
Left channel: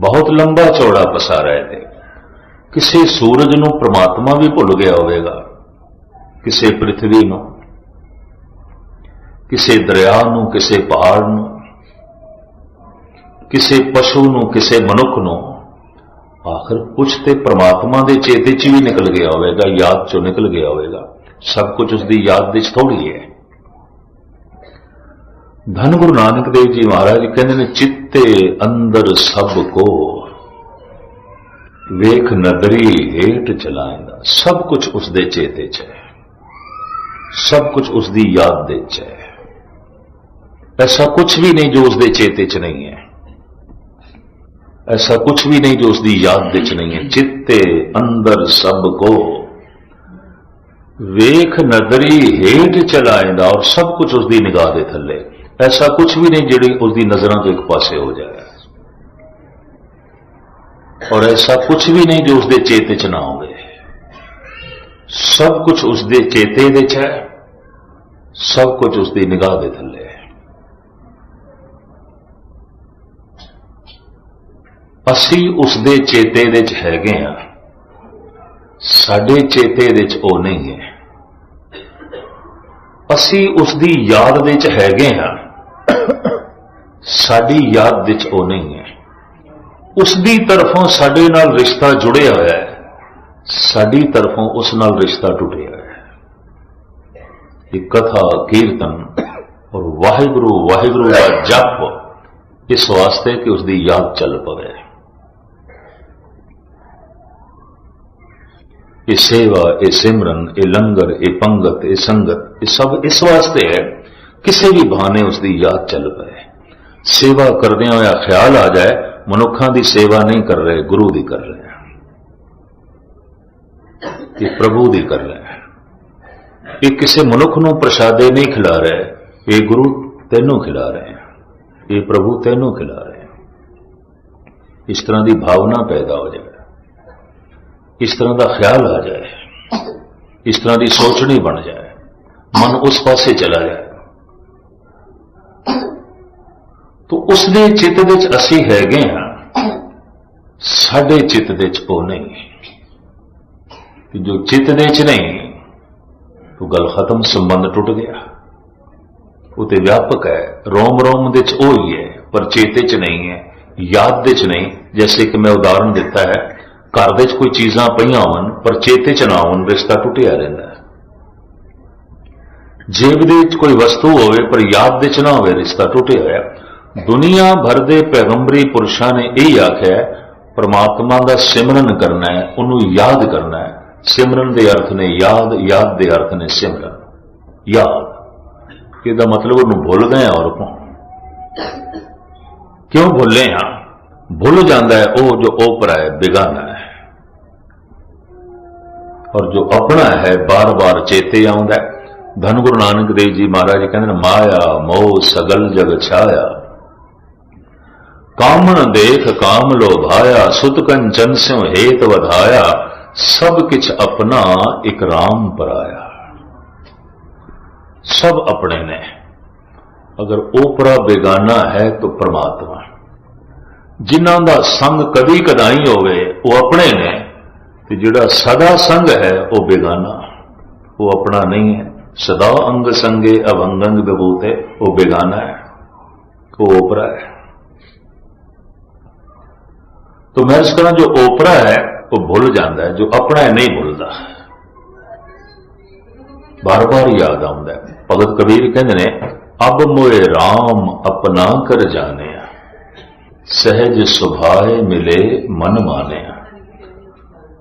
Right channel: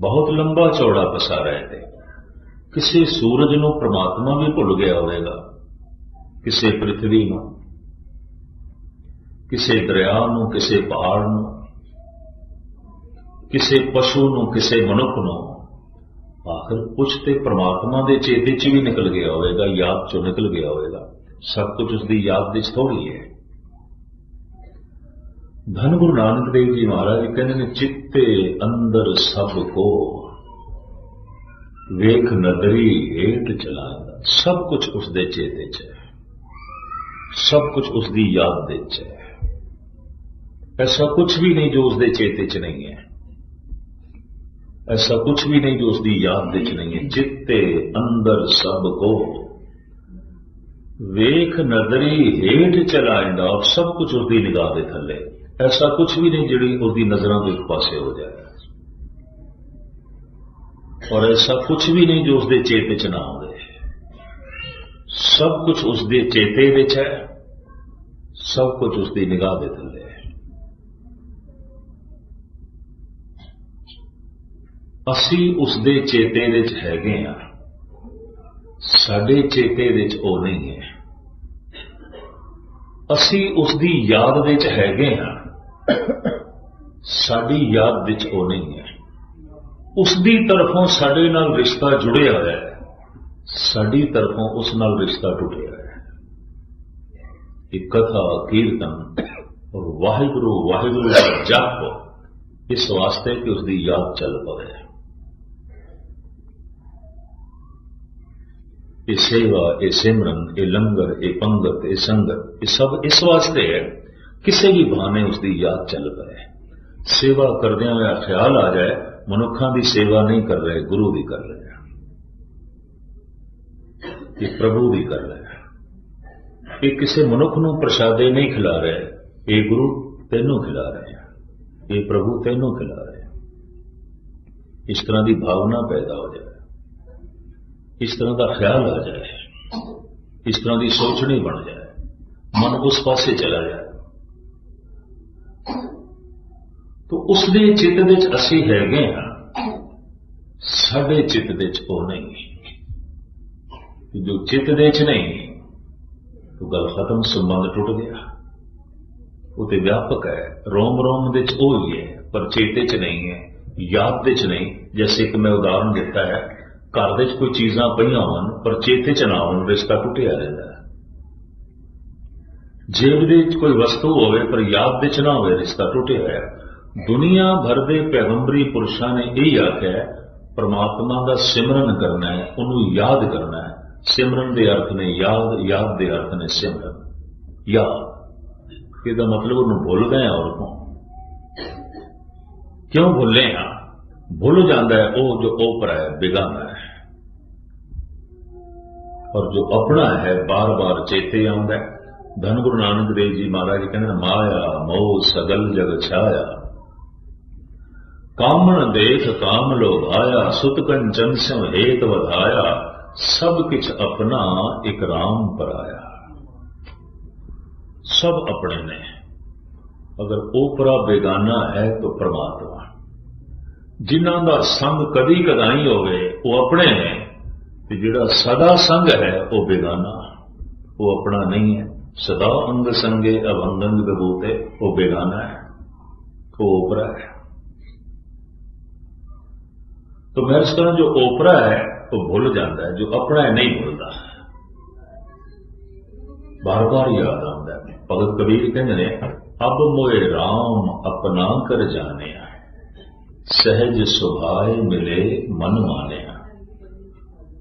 बहुत लंबा चौड़ा पसारा है। किसी सूरज नूं परमात्मा भी भुल गया होगा, किसी पृथ्वी नूं, किसी दरिया नूं, किसी पहाड़ नूं, किसी पशु नूं, किसी मनुख नूं। आखिर कुछ तो परमात्मा के चेते च भी निकल गया होगा, याद चो निकल गया होगा। सब कुछ उसकी याद दे थोड़ी है। धन गुरु नानक देव जी महाराज कहते हैं, चित्ते अंदर सब को वेख नदरी हेठ चलाएंदा। सब कुछ उसके चेते च है, सब कुछ उसकी याद दे च है। ऐसा कुछ भी नहीं जो उसके चेते च नहीं है, ऐसा कुछ भी नहीं जो उसकी याद दे च नहीं है। चित्ते अंदर सब को वेख नदरी हेठ चलाएंदा, और सब कुछ उसकी निगाह दे थले। ऐसा कुछ भी नहीं जिहड़ी उसकी नजरों तो एक पासे हो जाए, और ऐसा कुछ भी नहीं जो उसके चेते च ना होवे। सब कुछ उसके चेते दे च है, सब कुछ उसकी निगाह दे थले है। ਅਸੀਂ ਉਸਦੇ ਚੇਤੇ ਦੇ ਚ ਹੈਗੇ ਆ, ਸਾਡੇ ਚੇਤੇ ਦੇ ਚ ਉਹ ਨਹੀਂ ਹੈ। ਅਸੀਂ ਉਸਦੀ ਯਾਦ ਦੇ ਚ ਹੈਗੇ ਆ, ਸਾਡੀ ਯਾਦ ਦੇ ਚ ਉਹ ਨਹੀਂ ਹੈ। ਉਸਦੀ ਤਰਫੋਂ ਸਾਡੇ ਨਾਲ ਰਿਸ਼ਤਾ ਜੁੜਿਆ ਹੋਇਆ ਹੈ, ਸਾਡੀ ਤਰਫੋਂ ਉਸ ਨਾਲ ਰਿਸ਼ਤਾ ਟੁੱਟਿਆ ਹੋਇਆ ਹੈ। ਇਹ ਕਥਾ ਕੀਰਤਨ ਔਰ ਵਾਹਿਗੁਰੂ ਵਾਹਿਗੁਰੂ ਦਾ ਜਪ ਇਸ ਵਾਸਤੇ ਕਿ ਉਸਦੀ ਯਾਦ ਚੱਲ ਪਵੇ। ਇਹ ਸੇਵਾ, ਇਹ ਸਿਮਰਨ, ਇਹ ਲੰਗਰ, ਇਹ ਪੰਗਤ, ਇਹ ਸੰਗਤ, ਇਹ ਸਭ ਇਸ ਵਾਸਤੇ ਹੈ ਕਿਸੇ ਵੀ ਬਹਾਨੇ ਉਸਦੀ ਯਾਦ ਚੱਲ ਪਏ। ਸੇਵਾ ਕਰਦਿਆਂ ਹੋਇਆ ਖਿਆਲ ਆ ਜਾਏ ਮਨੁੱਖਾਂ ਦੀ ਸੇਵਾ ਨਹੀਂ ਕਰ ਰਹੇ, ਗੁਰੂ ਦੀ ਕਰ ਰਹੇ, ਇਹ ਪ੍ਰਭੂ ਦੀ ਕਰ ਰਹੇ। ਇਹ ਕਿਸੇ ਮਨੁੱਖ ਨੂੰ ਪ੍ਰਸ਼ਾਦੇ ਨਹੀਂ ਖਿਲਾ ਰਹੇ, ਇਹ ਗੁਰੂ ਤੈਨੂੰ ਖਿਲਾ ਰਹੇ, ਇਹ ਪ੍ਰਭੂ ਤੈਨੂੰ ਖਿਲਾ ਰਹੇ। ਇਸ ਤਰ੍ਹਾਂ ਦੀ ਭਾਵਨਾ ਪੈਦਾ ਹੋ ਜਾਏ, ਇਸ ਤਰ੍ਹਾਂ ਦਾ ਖਿਆਲ ਆ ਜਾਏ, ਇਸ ਤਰ੍ਹਾਂ ਦੀ ਸੋਚਣੀ ਬਣ ਜਾਏ, ਮਨ ਉਸ ਪਾਸੇ ਚਲਾ ਜਾਏ, तो उसके चित्त दे च असी हैगे हाँ, साडे चित्त दे च वो नहीं। जो चित्त दे च नहीं तो गल खत्म, संबंध टुट गया। वो तो व्यापक है, रोम रोम दे च वो ही है, पर चेते च नहीं है, याद दे च नहीं। जैसे कि मैं उदाहरण दिता है, घर दे च कोई चीज़ां पईयां होण पर चेते च ना होण, रिश्ता टुटिया रहिंदा है। जेब दे च कोई वस्तु होवे पर याद दे च ना होवे, रिश्ता टुटिया होया। दुनिया भर के पैगंबरी पुरुषों ने यही आख्या है, परमात्मा का सिमरन करना है, उन्होंने याद करना है। सिमरन के अर्थ ने याद, याद के अर्थ ने सिमरन। याद इसका मतलब उन्होंने भुल गए और क्यों भुले हाँ? भुल जाता है वो जो ओपरा है, बेगाना है, और जो अपना है बार बार चेते आउंदा है। धन गुरु नानक देव जी महाराज कहते माया मोह सगल जग छाया, कामन देख काम लोभाया, सुत कंचन स्यों हेत वधाया, सब किछ अपना एक राम पराया। सब अपने ने, अगर ओपरा बेगाना है तो परमात्मा। जिन्हां दा संग कदी कदाई होवे वो अपने ने, ते जिहड़ा सदा संग है वो बेगाना, वो अपना नहीं है। सदा अंग संगे अभंगंग बबूते, वो बेगाना है, वो ओपरा है। तो मैं इस तरह जो ओपरा है वो भूल जाता है, जो अपना है नहीं भूलता, बार बार याद आता है। भगत कबीर कहते ने, अब मोए राम अपना कर जाने, सहज सुभाए मिले मन माने।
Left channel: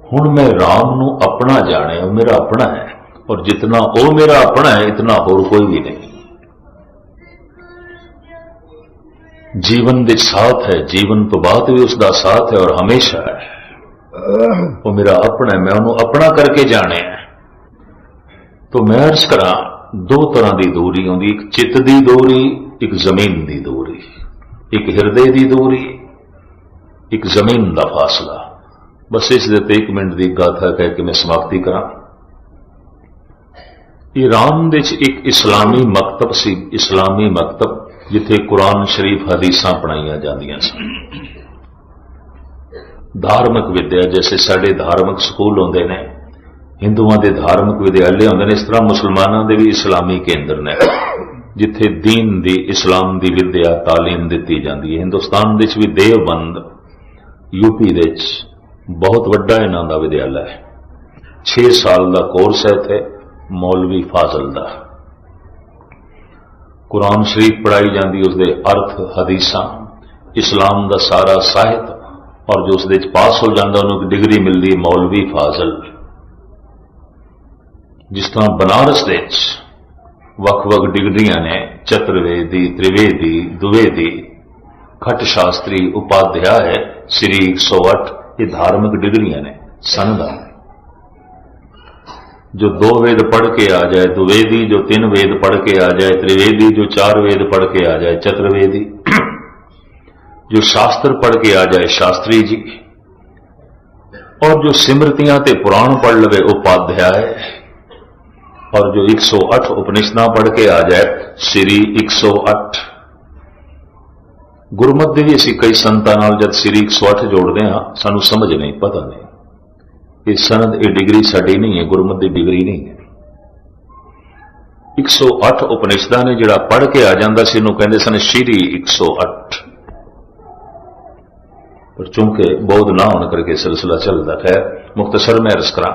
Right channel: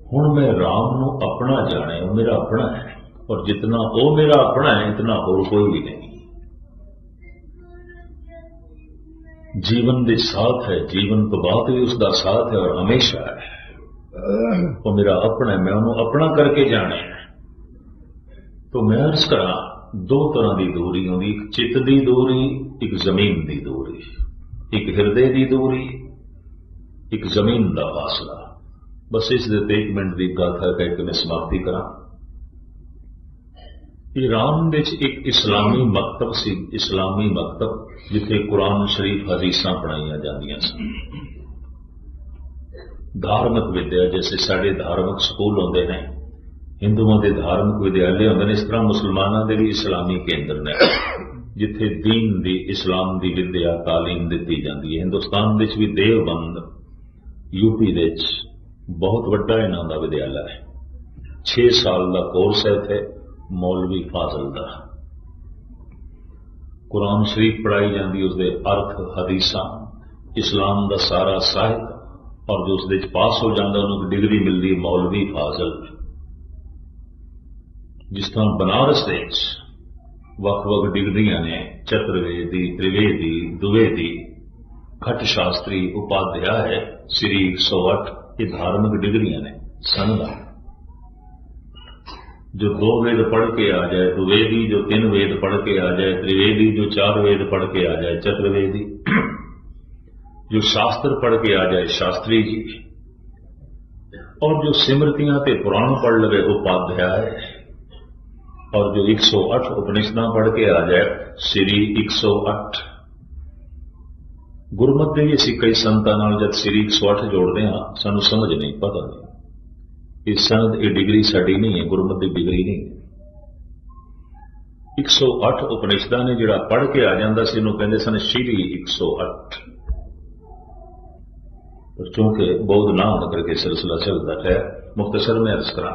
हुण मैं राम नू अपना जाने, वो मेरा अपना है, और जितना वो मेरा अपना है इतना होर कोई भी नहीं। जीवन दे साथ है, जीवन तो बाद भी उसका साथ है और हमेशा है। वो मेरा अपना है, मैं उन्होंने अपना करके जाने है। तो मैं अर्ज करा, दो तरह की दूरी होंगी, एक चित्त की दूरी, एक जमीन की दूरी, एक हिरदे की दूरी, एक जमीन का फासला। बस इस दे ते 1 मिनट की गाथा कह के मैं समाप्ति करा। ईरान दे एक इस्लामी मकतब सी, इस्लामी मकतब जिथे कुरान शरीफ हदीसां पढ़ाईयां जांदियां सन। धार्मिक विद्या, जैसे साडे धार्मिक स्कूल होंदे ने, हिंदुओं के धार्मिक विद्यालय होंदे ने, इस तरह मुसलमानों के भी इस्लामी केंद्र ने जिथे दीन दी, इस्लाम की विद्या तालीम दी जाती है। हिंदुस्तान विच भी देवबंद, यूपी दे बहुत वड्डा इन्हां दा विद्यालय है। 6 साल का कोर्स है इत्थे मौलवी फाजल दा। कुरान शरीफ पढ़ाई जाती, उसके अर्थ हदीसां, इस्लाम का सारा साहित्य, और जो उसके पास हो जाता उन्होंने डिग्री मिलती मौलवी फाजल। जिस तरह बनारस दे वख-वख डिग्रियां ने, चतुर्वेदी, त्रिवेदी, द्विवेदी, खट शास्त्री, उपाध्याय, श्री 108, ये धार्मिक डिग्रियां ने सनदा। जो 2 वेद पढ़ के आ जाए द्विवेदी, जो 3 वेद पढ़ के आ जाए त्रिवेदी, जो 4 वेद पढ़ के आ जाए चतुर्वेदी, जो शास्त्र पढ़ के आ जाए शास्त्री जी, और जो सिमृतियां ते पुराण पढ़ लवे उपाध्याय, और जो 108 उपनिषदां पढ़ के आ जाए श्री 108। गुरमत ਦੇ ਵੀ ਅਸੀਂ ਕਈ ਸੰਤਾਂ ਨਾਲ ਜਦ ਸ੍ਰੀ 108 ਜੋੜਦੇ ਹਾਂ ਸਾਨੂੰ ਸਮਝ ਨਹੀਂ ਪਤਾ ਨਹੀਂ ਇਹ ਸਨਦ ਇਹ ਡਿਗਰੀ ਸਾਡੀ ਨਹੀਂ ਹੈ ਗੁਰਮਤ ਦੀ ਡਿਗਰੀ ਨਹੀਂ ਹੈ 108 ਉਪਨਿਸ਼ਦਾਂ ਨੇ ਜਿਹੜਾ ਪੜ੍ਹ ਕੇ ਆ ਜਾਂਦਾ ਸੀ ਇਹਨੂੰ ਕਹਿੰਦੇ ਸਨ ਸ਼੍ਰੀ 108 पर चूंकि बौद्ध ना होने करके सिलसिला चलता है मुख्तसर में अर्ज करा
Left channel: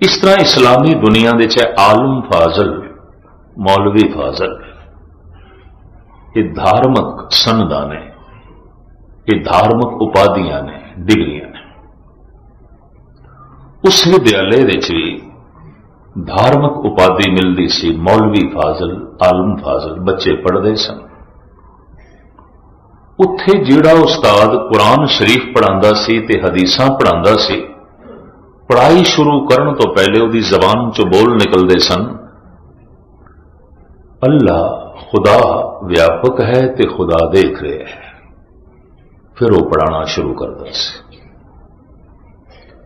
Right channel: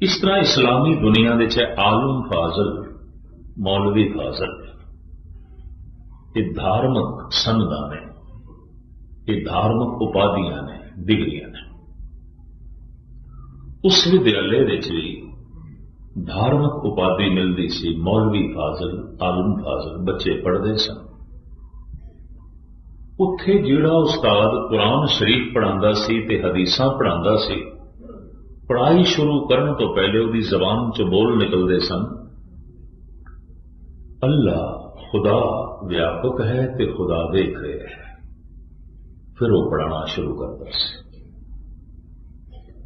इस तरह इस्लामी दुनिया दे चाहे आलम फाजल मौलवी फाजल ये धार्मिक सनदा ने ये धार्मिक उपाधियां ने डिग्रियां ने उस विद्यालय भी धार्मिक उपाधि मिलती सी मौलवी फाजल आलम फाजल बच्चे पढ़ते सन उत्थे जिहड़ा उस्ताद कुरान शरीफ पढ़ांदा सी ते हदीसां पढ़ांदा सी पढ़ाई शुरू करन तो पहले उहदी जबान चों बोल निकलदे सन अल्लाह खुदा व्यापक है ते खुदा देख रहे है फिर वो पढ़ाना शुरू करदा सी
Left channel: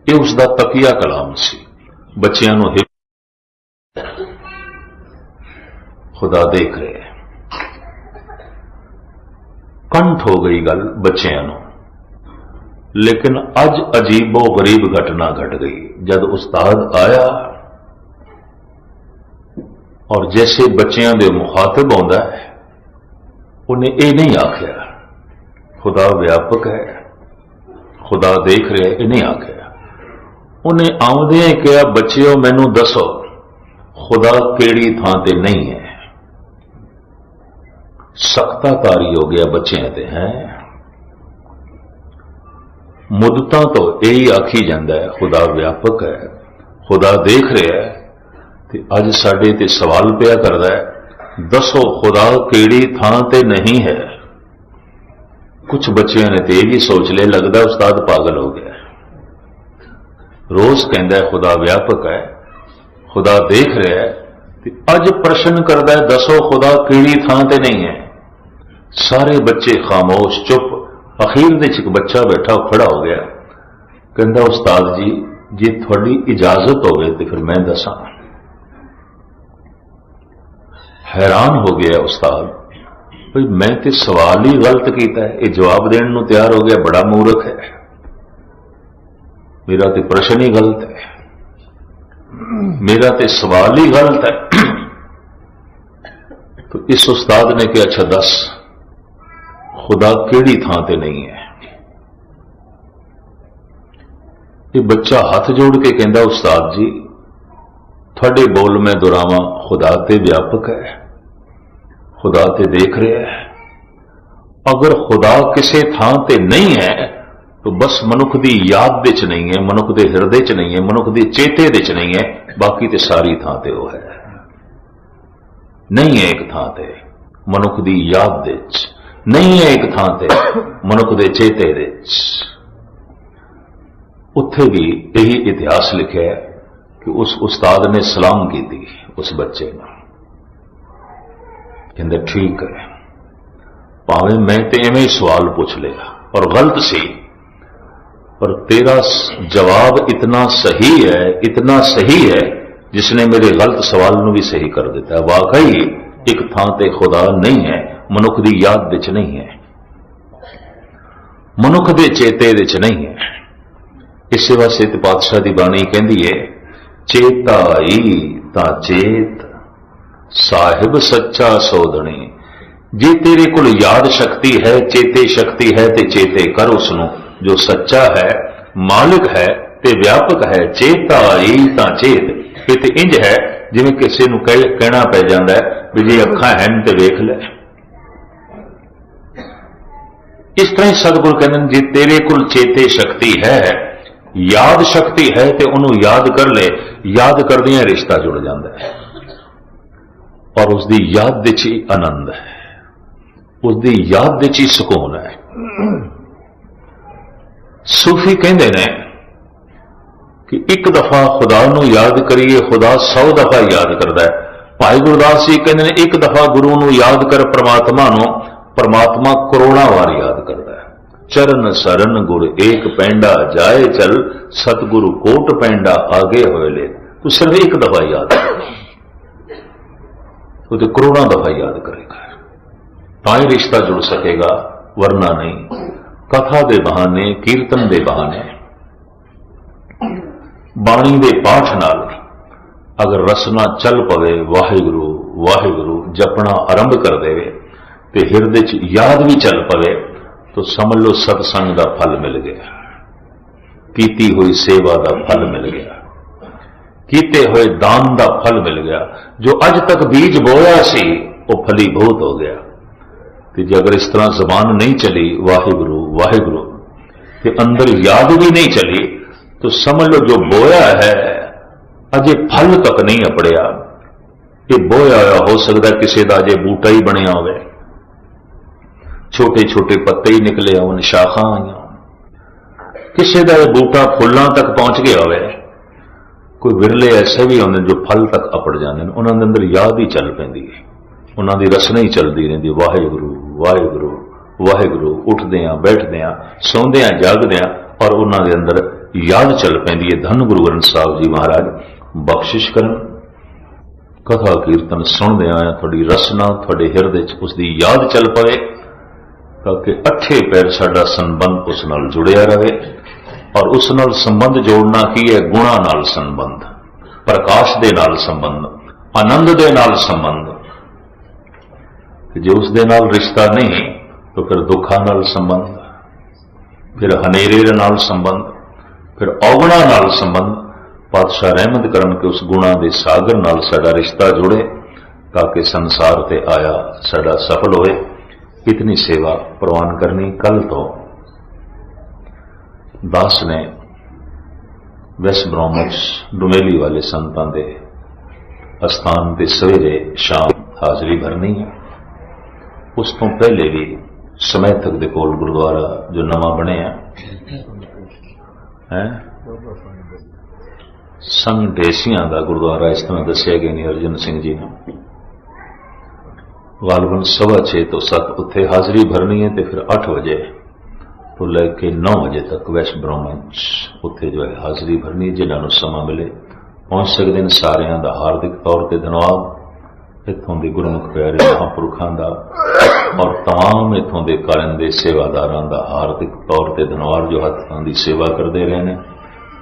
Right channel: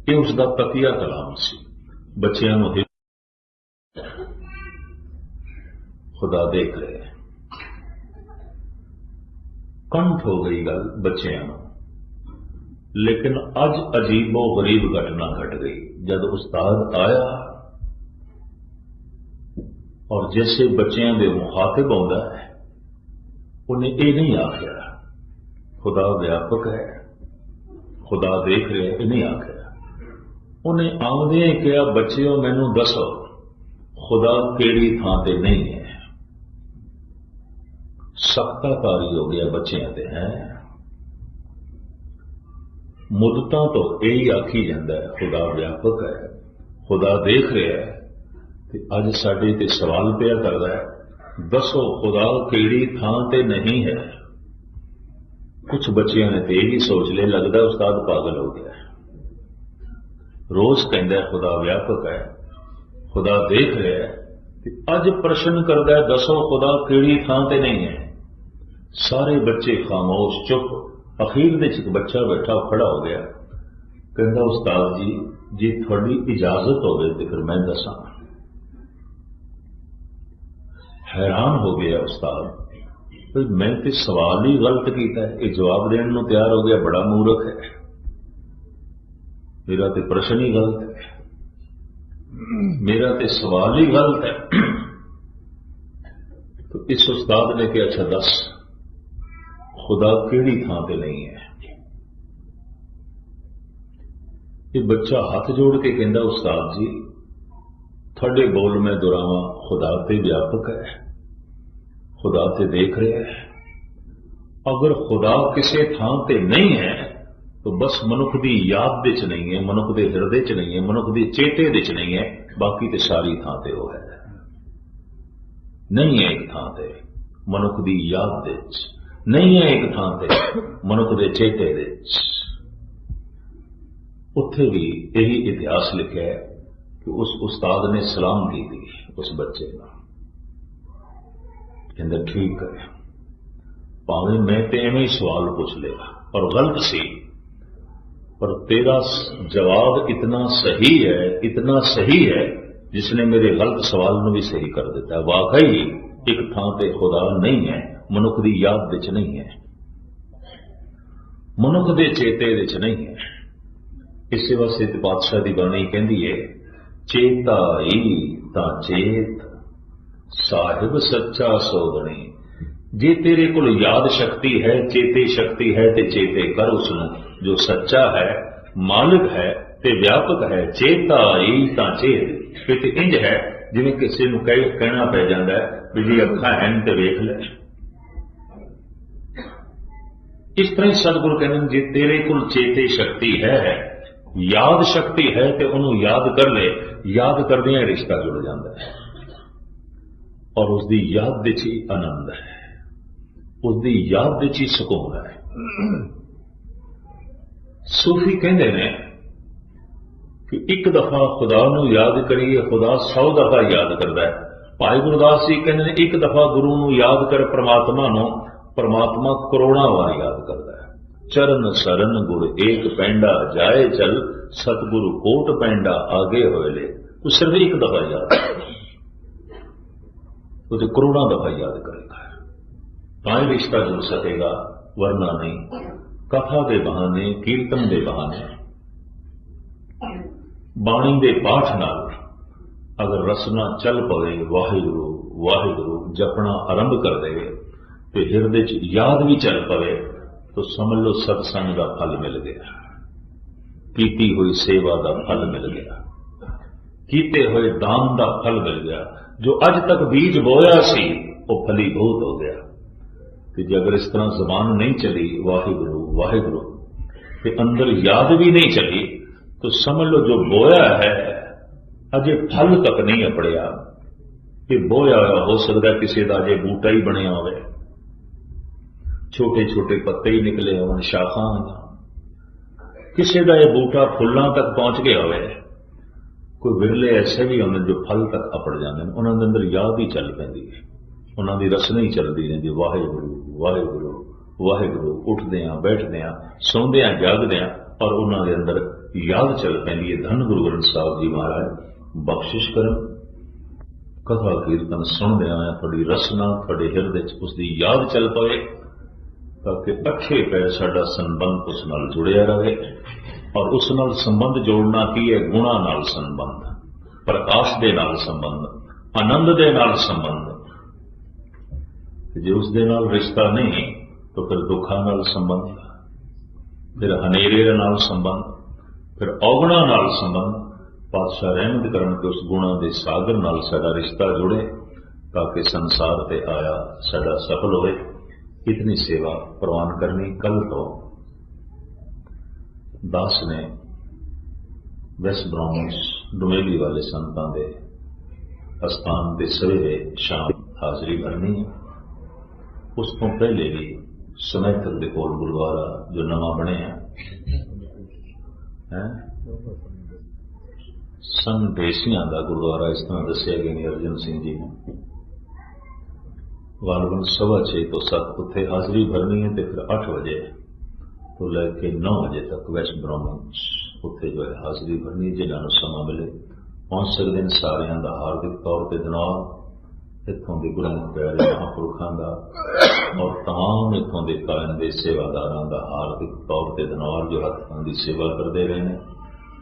ये उसका तकिया कलाम सी बच्चियां नूं खुदा देख रहे है कंठ हो गई गल बच्चों नूं लेकिन अज अजीबो गरीब घटना घट गई जब उस्ताद आया और जैसे बच्चों के मुखातिब आउंदा है उन्हें यह नहीं आख्या खुदा व्यापक है खुदा देख रहे ये नहीं आख्या उन्हें आउंदे कहा बच्चिओ मैनू दसो खुदा केड़ी थां ते नहीं है सख्ताकारी हो गया बच्चों ते हैं मुद्दतां तो यही आखी जाता है खुदा व्यापक है खुदा देख रहा है ते अज साडे ते सवाल पिया करदा है दसो खुदा केड़ी थां ते नहीं है कुछ बच्चों ने तो यही सोच लिया लगता उस्ताद पागल हो गया रोज कहता है खुदा व्यापक है खुदा देख रहा है ते अज प्रश्न करदा है दसो खुदा केड़ी थां ते नहीं है सारे बच्चे खामोश चुप अखीर दे एक बच्चा बैठा खड़ा हो गया कहता उस्ताद जी जे थोड़ी इजाजत होवे तो फिर मैं दसा हैरान हो गया उस्ताद भाई मैं तो सवाल ही गलत किया है ये जवाब देने नूं तैयार हो गया बड़ा मूर्ख है मेरा तो प्रश्न ही गलत है मेरा तो सवाल ही गलत है तो इस उस्ताद ने कहा अच्छा दस खुदा केड़ी थां ते नहीं है ये बच्चा हाथ जोड़ के कहता उस्ताद जी थोड़े बोल मैं दुरावा खुदा ते व्यापक है खुदा ते देख रहा है अगर खुदा किसी थां ते नहीं है तो बस मनुख की याद दे च नहीं है मनुख के हिरदे च नहीं है मनुख के चेते दे च नहीं है बाकी तो सारी थां ते वो है नहीं है एक थां ते मनुख की याद दे च नहीं है एक थां ते मनुख के चेते दे उत्थे भी यही इतिहास लिखा है कि उस उस्ताद ने सलाम की थी उस बच्चे ने कहते ठीक है भावें मैं तो इवें सवाल पूछ लिया और गलत सी पर तेरा जवाब इतना सही है जिसने मेरे गलत सवाल को भी सही कर दिता है वाकई एक थां ते खुदा नहीं है मनुख की याद विच नहीं है मनुख के चेते विच नहीं है इस वास्ते ते पातशाह की बाणी कहती है चेता ही ता चेत साहिब सच्चा सोधनी जे तेरे को याद शक्ति है चेते शक्ति है ते चेते कर उसनों जो सच्चा है मालिक है ते व्यापक है चेता ही ता चेत ये तो इंज है जिवें किसी नूं कहना पै जांदा है भी जे अखां हैन ते वेख ले इस तरह सतगुरु कहते हैं जे तेरे कुल चेते शक्ति है याद शक्ति है तो उन्होंने याद कर ले याद करदियां रिश्ता जुड़ जाता है और उसकी याद दे च आनंद है उसकी याद दे च सुकून है सूफी कहते हैं कि एक दफा खुदा नूं याद करिए खुदा 100 दफा याद करता है भाई गुरदास जी कहते हैं एक दफा गुरु नूं याद कर परमात्मा नूं परमात्मा करोड़ों बार याद करता है चरण सरन गुर एक पैंडा जाए चल सतगुरु कोट पैंडा आगे होए ले तो सिर्फ एक दफा याद कर तो करोड़ों दफा याद करेगा ताई रिश्ता जुड़ सकेगा वरना नहीं। कथा के बहाने, कीर्तन के बहाने, बाणी के पाठ नाल अगर रसना चल पवे, वाहिगुरु वाहिगुरु जपना आरंभ कर देवे ते हिरदे च याद भी चल पवे, तो समझ लो सत्संग का फल मिल गया, कीती हुई सेवा का फल मिल गया, कीते हुए दान का फल मिल गया। जो अज तक बीज बोया सी वो फलीभूत हो गया। कि जे अगर इस तरह जबान नहीं चली वाहिगुरु वाहिगुरु के अंदर याद भी नहीं चली, तो समझ लो जो बोया है अजे फल तक नहीं अपड़िया। ये बोया हो सकता किसी का अजे बूटा ही बनया हो, छोटे छोटे पत्ते ही निकले होन, शाखा आईया, किसी का बूटा फुलों तक पहुंच गया हो। कोई विरले ऐसे भी होंगे जो फल तक अपड़ जाते हैं, उन्होंने अंदर याद ही चल पैंदी है, उन्होंने रसना ही चलती रही वाहिगुरु वाहिगुरु वाहिगुरु, उठद्या बैठद्या सौंद्या जागद्या, और उन्होंने अंदर याद चल पैंदी है। धन गुरु ग्रंथ साहब जी महाराज बख्शिश करन, कथा कीर्तन सुनद्या थोड़ी रसना थोड़े हिरदे च उसकी याद चल पवे, ताकि अठे पैर साडा संबंध उस नाल जुड़िया रहे। और उस नाल संबंध जोड़ना की है? गुणा नाल संबंध, प्रकाश दे नाल संबंध, आनंद दे नाल संबंध। जे उस दे नाल रिश्ता नहीं तो फिर दुखा नाल संबंध, फिर हनेरे नाल संबंध, फिर औगुणा नाल संबंध। पातशाह रहमत करन के उस गुणा दे सागर नाल साडा रिश्ता जुड़े, ताकि संसार ते आया साडा सफल होए। इतनी सेवा प्रवान करनी। कल तो दास ने वैस ब्रह्मच डुमेली वाले संतां दे अस्थान ते सवेरे शाम हाजरी भरनी है। उस तो पहले भी समैथक दे कोल गुरुद्वारा जो नवा बने है संघ ढेसियां का गुरुद्वारा, इस तरह दसिया गया नहीं अर्जन सिंह जी ने, गालबन 6:15 तो 7 उत्थे हाजरी भरनी है, तो फिर 8 बजे तो लेके 9 बजे तक वैश्व ब्रह्मच उत्थे जो है हाजरी भरनी। जिन्होंने समा मिले पहुंच सकते हैं। सारियां दा हार्दिक तौर पर धन्यवाद। इत्थों के गुरमुख प्यारे महापुरखों का और तमाम इत्थों के कालिंदे सेवादारां दा हार्दिक तौर पर धन्यवाद, जो हत्थां दी सेवा करते रहे ने,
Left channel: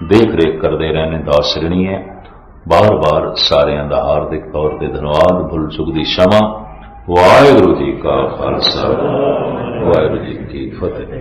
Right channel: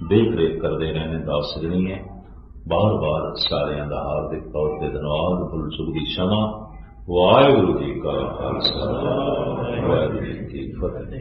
देख रेख करते रहे ने। दास ऋणी है, बार बार सारियां दा हार्दिक तौर पर धन्यवाद। भुल चुक दी क्षमा। वाहिगुरू जी का खालसा, वाहिगुरू जी की फतेह।